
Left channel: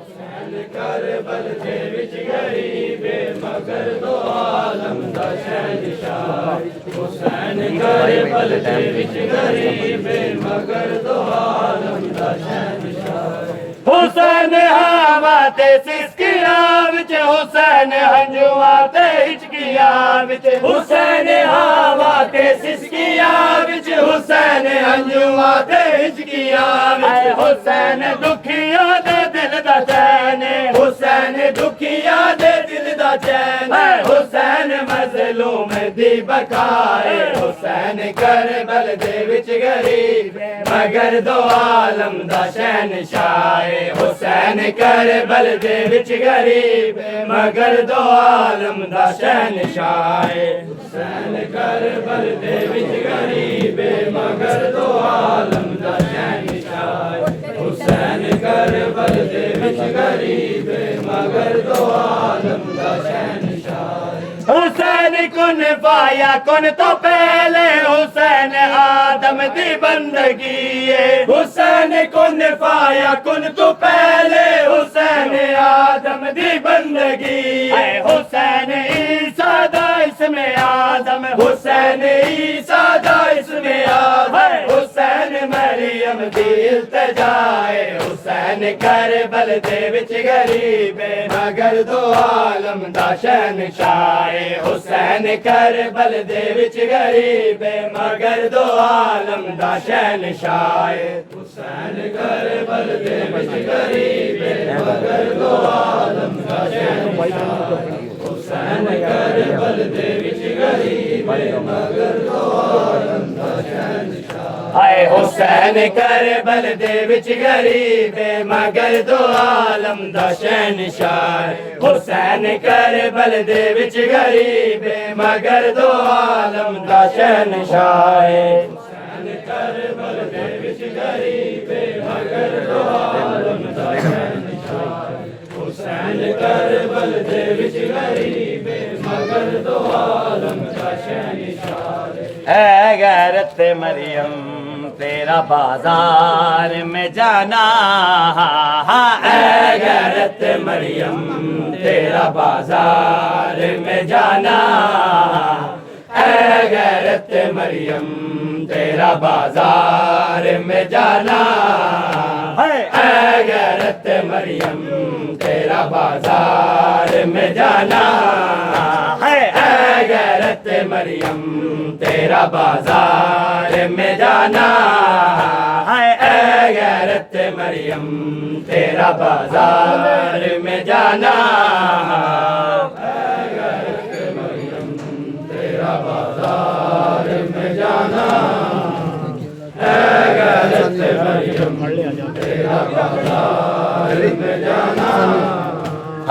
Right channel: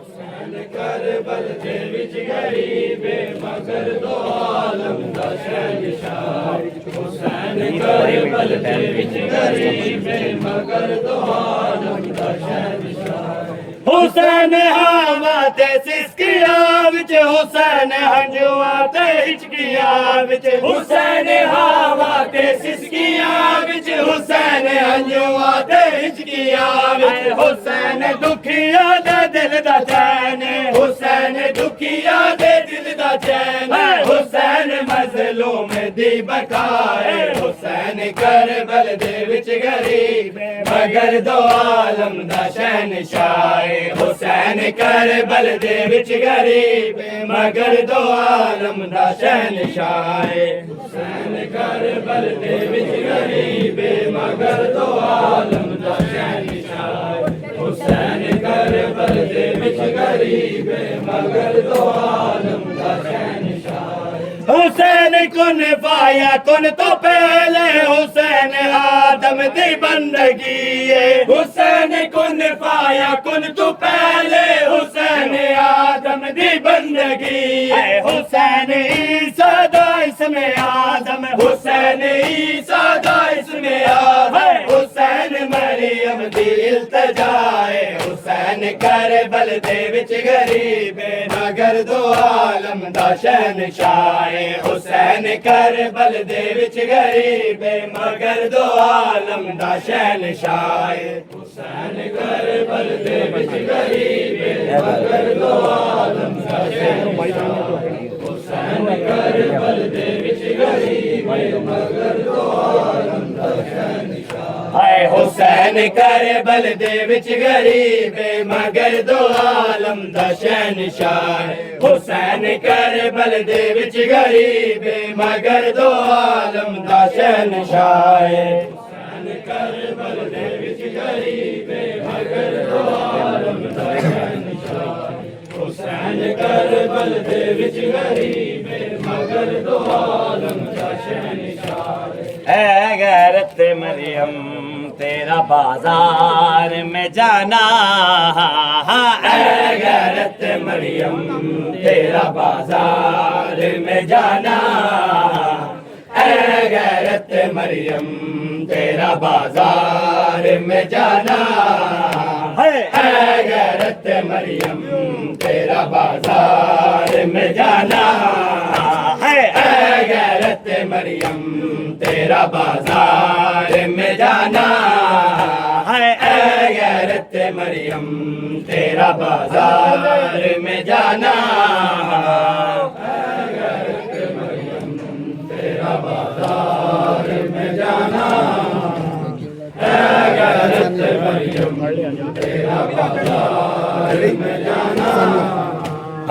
کربل دے وچ غریب مگر دو عالم دا شہنشاہ حسین کربل دے وچ غریب مگر دو عالم دا شہنشاہ حسین ہوا تے سسکیا وچ حسین ہنجوا تے ہچکیا وچ حسین ہوا تے سسکیا وچ حسین ہنجوا تے ہچکیا وچ حسین دکھیا دے دل دا چین حسین دکھیا دے دل دا چین حسین مظلوم دی بقائے حسین کربل دے وچ غریب مگر دو عالم دا شہنشاہ حسین کربل دے وچ غریب مگر دو عالم دا شہنشاہ حسین کربل دے وچ غریب مگر دو عالم دا شہنشاہ حسین کربل دے وچ غریب مگر دو عالم دا شہنشاہ حسین کن پایا کن تو پہلے حسین آدم دی بندگی حسین کن پایا کن تو پہلے حسین آدم دی بندگی حسین عیسیٰ دا اسم آدم حسین عیسیٰ دا اسم آدم حسین مریم دی التجائے حسین کربل دے وچ غریب مگر دو عالم دا شہنشاہ حسین کربل دے وچ غریب مگر دو عالم دا شہنشاہ حسین کربل دے وچ غریب مگر دو عالم دا شہنشاہ حسین کربل دے وچ غریب مگر دو عالم دا شہنشاہ اے حسین کربل دے وچ غریب مگر دو عالم دا شہنشاہ حسین کربل دے وچ غریب مگر دو عالم دا شہنشاہ حسین کربل دے وچ غریب مگر دو عالم دا شہنشاہ حسین کربل دے وچ غریب مگر دو عالم دا شہنشاہ اے غیرت مریم تیرا بازار میں جانا اے غیرت مریم تیرا بازار میں جانا اے غیرت مریم تیرا بازار میں جانا اے غیرت مریم تیرا بازار میں جانا اے غیرت مریم تیرا بازار میں جانا اے غیرت مریم تیرا بازار میں جانا اے غیرت مریم تیرا بازار میں جانا اے غیرت مریم تیرا بازار میں جانا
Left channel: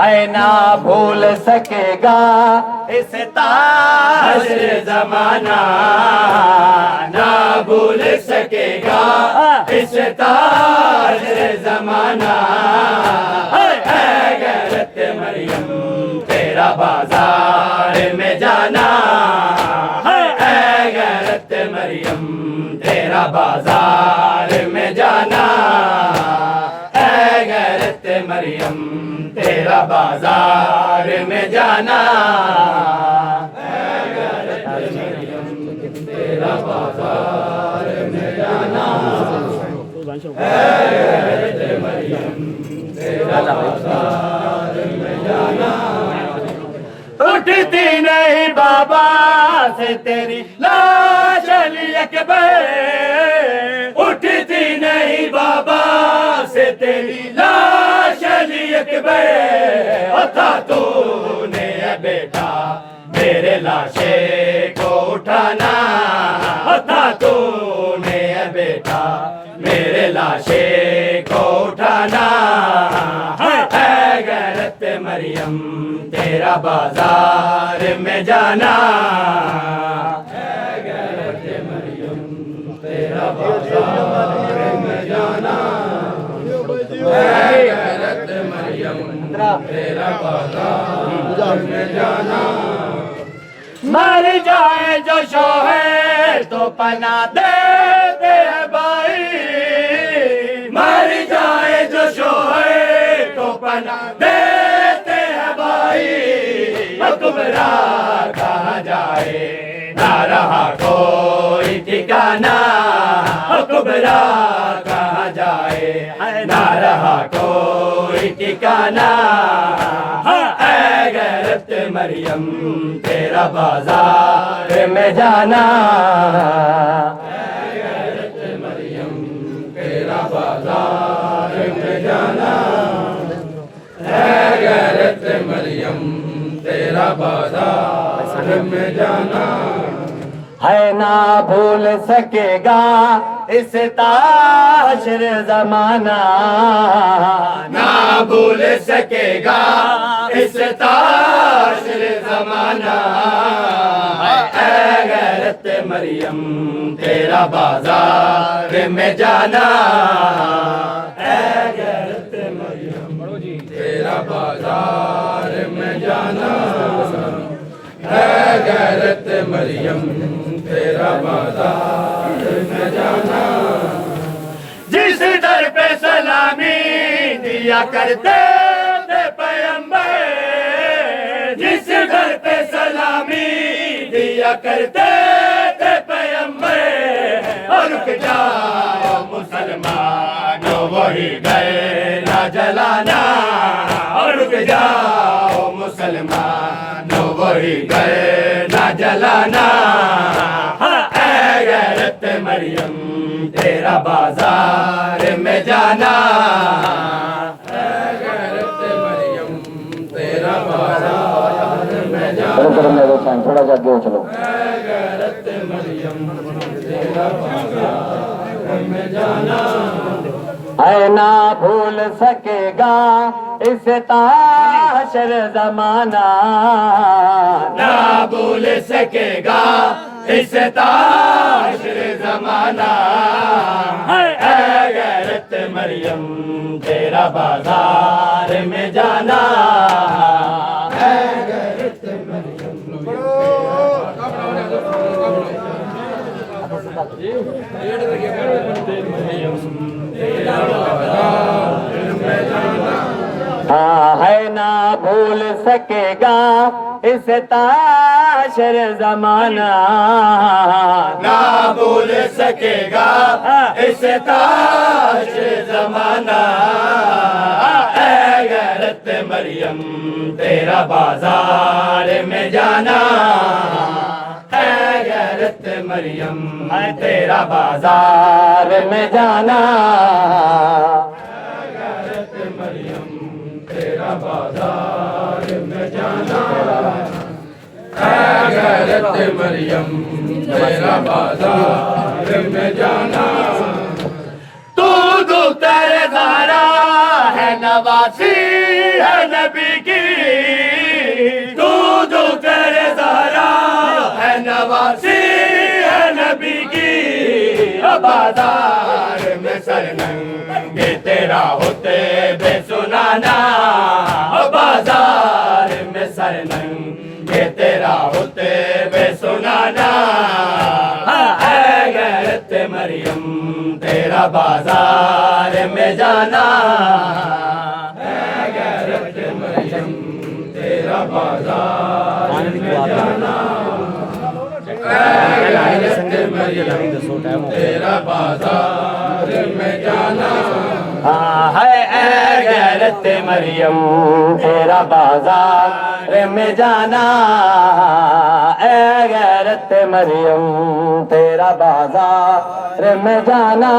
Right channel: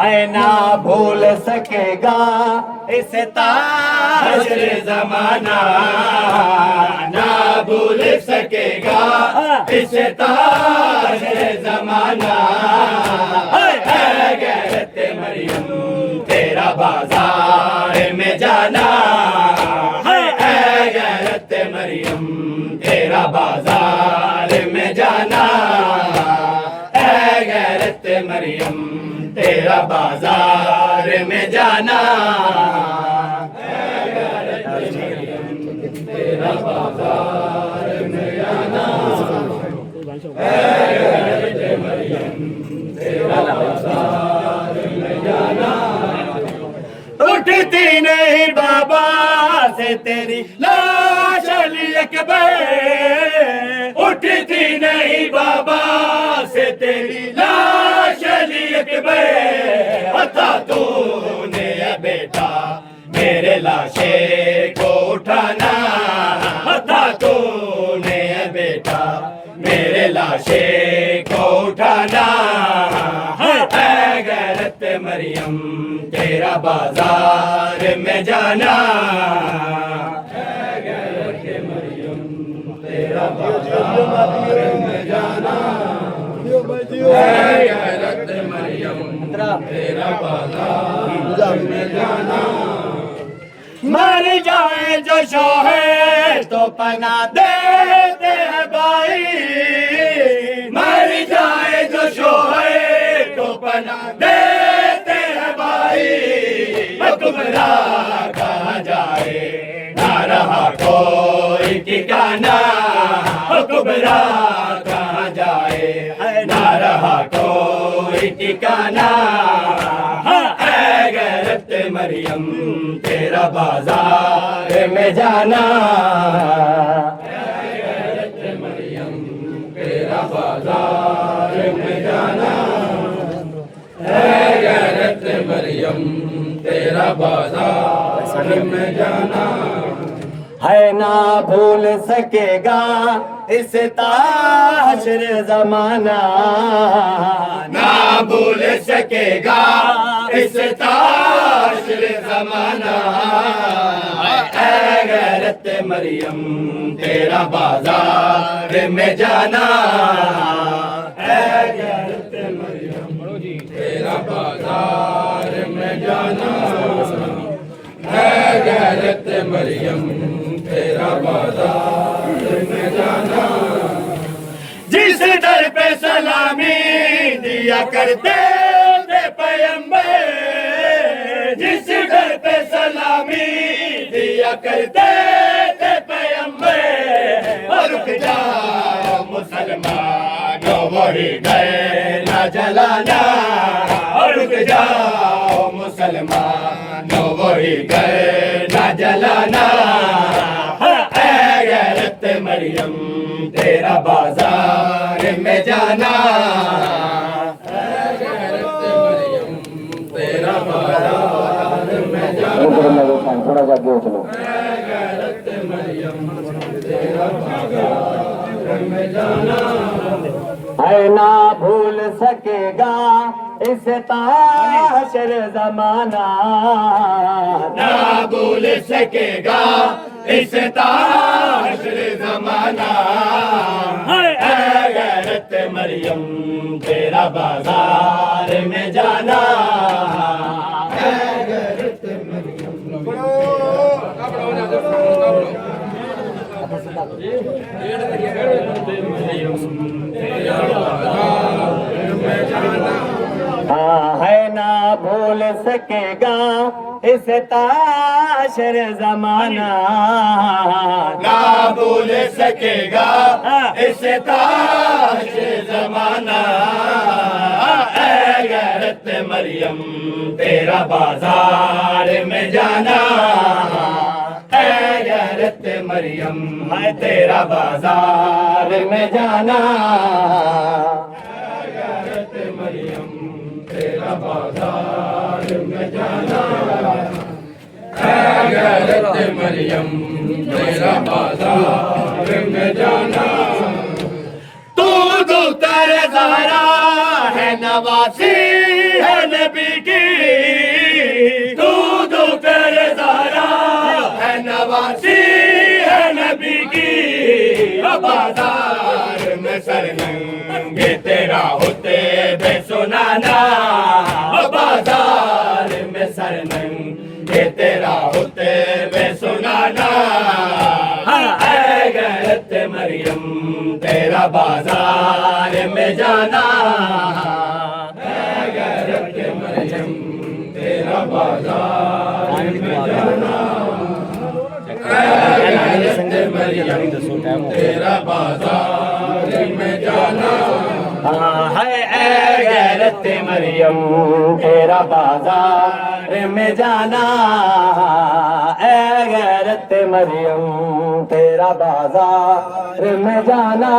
اے نہ بھول سکے گا اس تاج زمانہ نہ بھول سکے گا اس تاج زمانہ اے غیرت مریم تیرا بازار میں جانا اے غیرت مریم تیرا بازار میں جانا اے غیرت مریم تیرا بازار میں جانا اے غیرت مریم تیرا بازار میں جانا اے غیرت مریم تیرا بازار میں جانا اٹھتی نہیں بابا سے تیری لاش علی اکبر تھی نہیں بابا سے تیری لاش علی اکبر تھا تو نے بیٹا میرے لاشے کو اٹھانا تھا تو نے بیٹا میرے لاشے کو اٹھانا ہے غیرت مریم تیرا بازار میں جانا ہے غیرت مریم تیرا بازار میں جانا ہے غیرت مریم تیرا بازار میں جانا مر جائے جو شوہر تو پناہ دیتے ہیں بھائی مر جائے جو شوہر تو پناہ دیتے ہیں بھائی کبرا کہاں جائے نہ رہا کوئی ٹھکانا کبرا کہاں جائے نہ رہا کوئی ٹھکانا اے غیرت مریم تیرا بازار میں جانا اے غیرت مریم تیرا بازار میں جانا اے غیرت مریم تیرا بازار میں جانا ہے نہ بھول سکے گا اس تاشر زمانہ نہ بھول سکے گا اس تاشر زمانہ اے غیرت مریم تیرا بازار میں جانا اے غیرت مریم تیرا بازار میں جانا اے غیرت مریم تیرا بازار میں جانا جس در پہ سلامی دیا کرتے تھے پیمبر جس در پہ سلامی دیا کرتے تھے پیمبر اور رک جاؤ مسلمانوں وہی گئے نہ جلانا اور رک جاؤ مسلمانوں وہی گئے نہ جلانا اے غیرت مریم تیرا بازار میں جانا اے غیرت مریم تیرا بازار میں جانا تھوڑا سا دو چلو اے غیرت مریم تیرا بازار میں جانا اے نہ بھول سکے گا اس تاشر زمانہ نہ بھول سکے گا اس تاشر زمانہ اے غیرت مریم تیرا بازار میں جانا اے غیرت مریم تیرا بازار میں جانا ہے نہ بھول سکے گا اس تاشر زمانہ نہ بھول سکے گا اس تاشر زمانہ اے غیرت مریم تیرا بازار میں جانا اے غیرت مریم تیرا بازار میں جانا اے غیرت مریم تیرا بازار میں جانا اے غیرت مریم تیرا بازار میں جانا تو دختر زہرا ہے نواسی ہے نبی کی تو دختر زہرا ہے نواسی ہے نبی کی بازار میں سرنگ تیرا ہوتے بے سنانا بازار میں سرنگ تیرا ہوتے بے سنانا اے غیرت مریم تیرا بازار میں جانا اے غیرت مریم تیرا بازار میں جانا تیرا بازار میں جانا ہے اے غیرت مریم تیرا بازار میں جانا اے غیرت مریم تیرا تیرا بازار میں جانا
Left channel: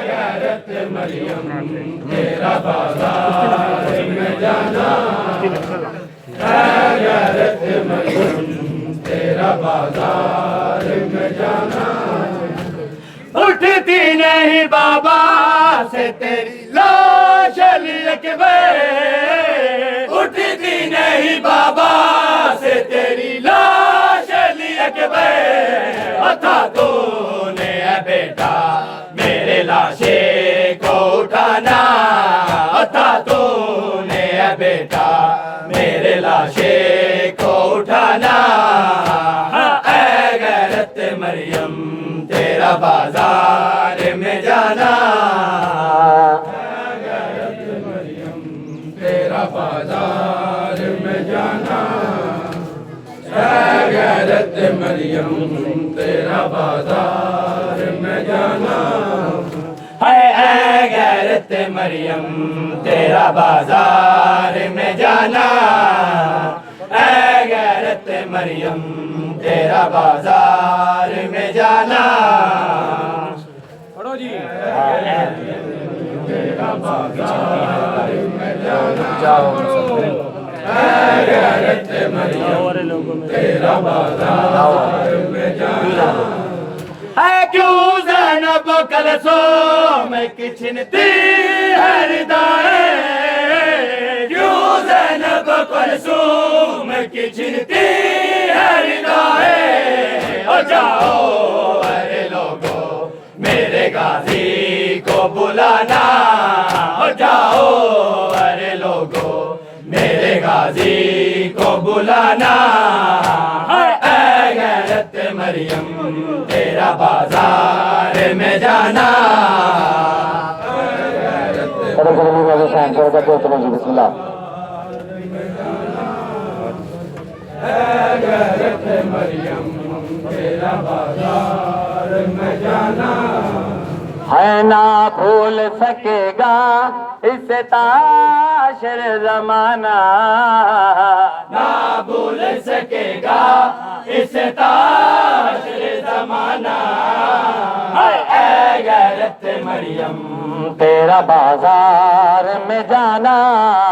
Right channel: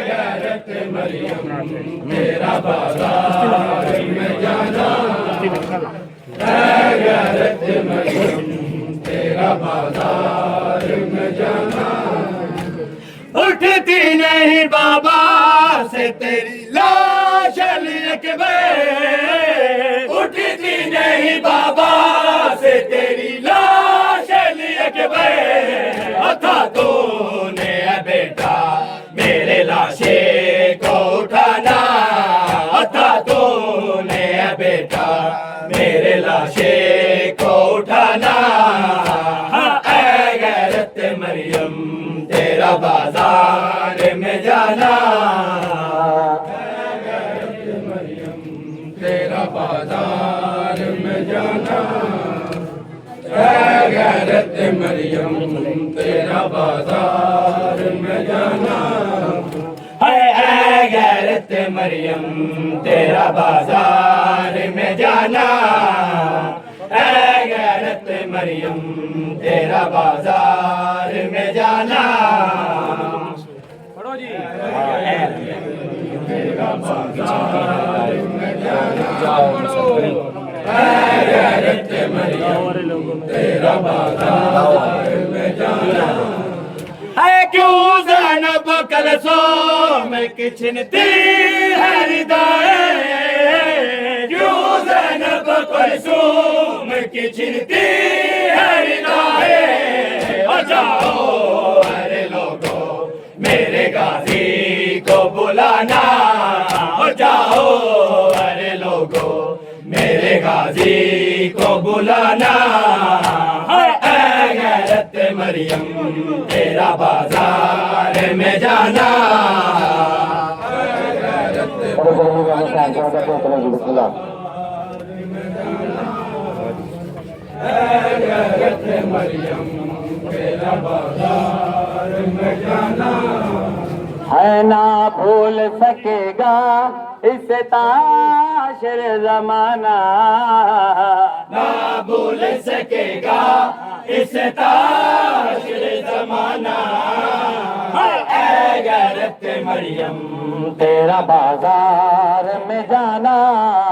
غیرت مریم تیرا بازار میں جانا غیرت مریم تیرا بازار میں جانا اٹھتی نہیں بابا سے تیری لاش علی اکبر اٹھتی نہیں بابا سے تیری لاش علی اکبر تھا تو نے بیٹا میرے لاشے کو اٹھانا تھا تو نے بیٹا میرے لاشے کو اٹھانا اے غیرت مریم تیرا بازار میں جانا غیرت مریم تیرا بازار میں جانا غیرت مریم تیرا بازار میں جانا اے غیرت مریم تیرا بازار میں جانا اے غیرت مریم تیرا بازار میں جانا تیرا بازار میں جانا غیرت مریم تیرا بازار میں جانا ہے کیوں زینب کلثوم کی چھنتی ہے ردائیں کیوں زینب کلثوم کی چھنتی ہے ردائیں او جاؤ ارے لوگو میرے غازی کو بلانا او جاؤ ارے لوگو میرے غازی کو بلانا اے غیرت مریم تیرا بازار میں جانا بسم اللہ غیرت مریم تیرا بازار میں جانا ہے نہ بھول سکے گا اس تاشر زمانہ نہ بھول سکے گا اس تاشر زمانہ اے غیرت مریم تیرا بازار میں جانا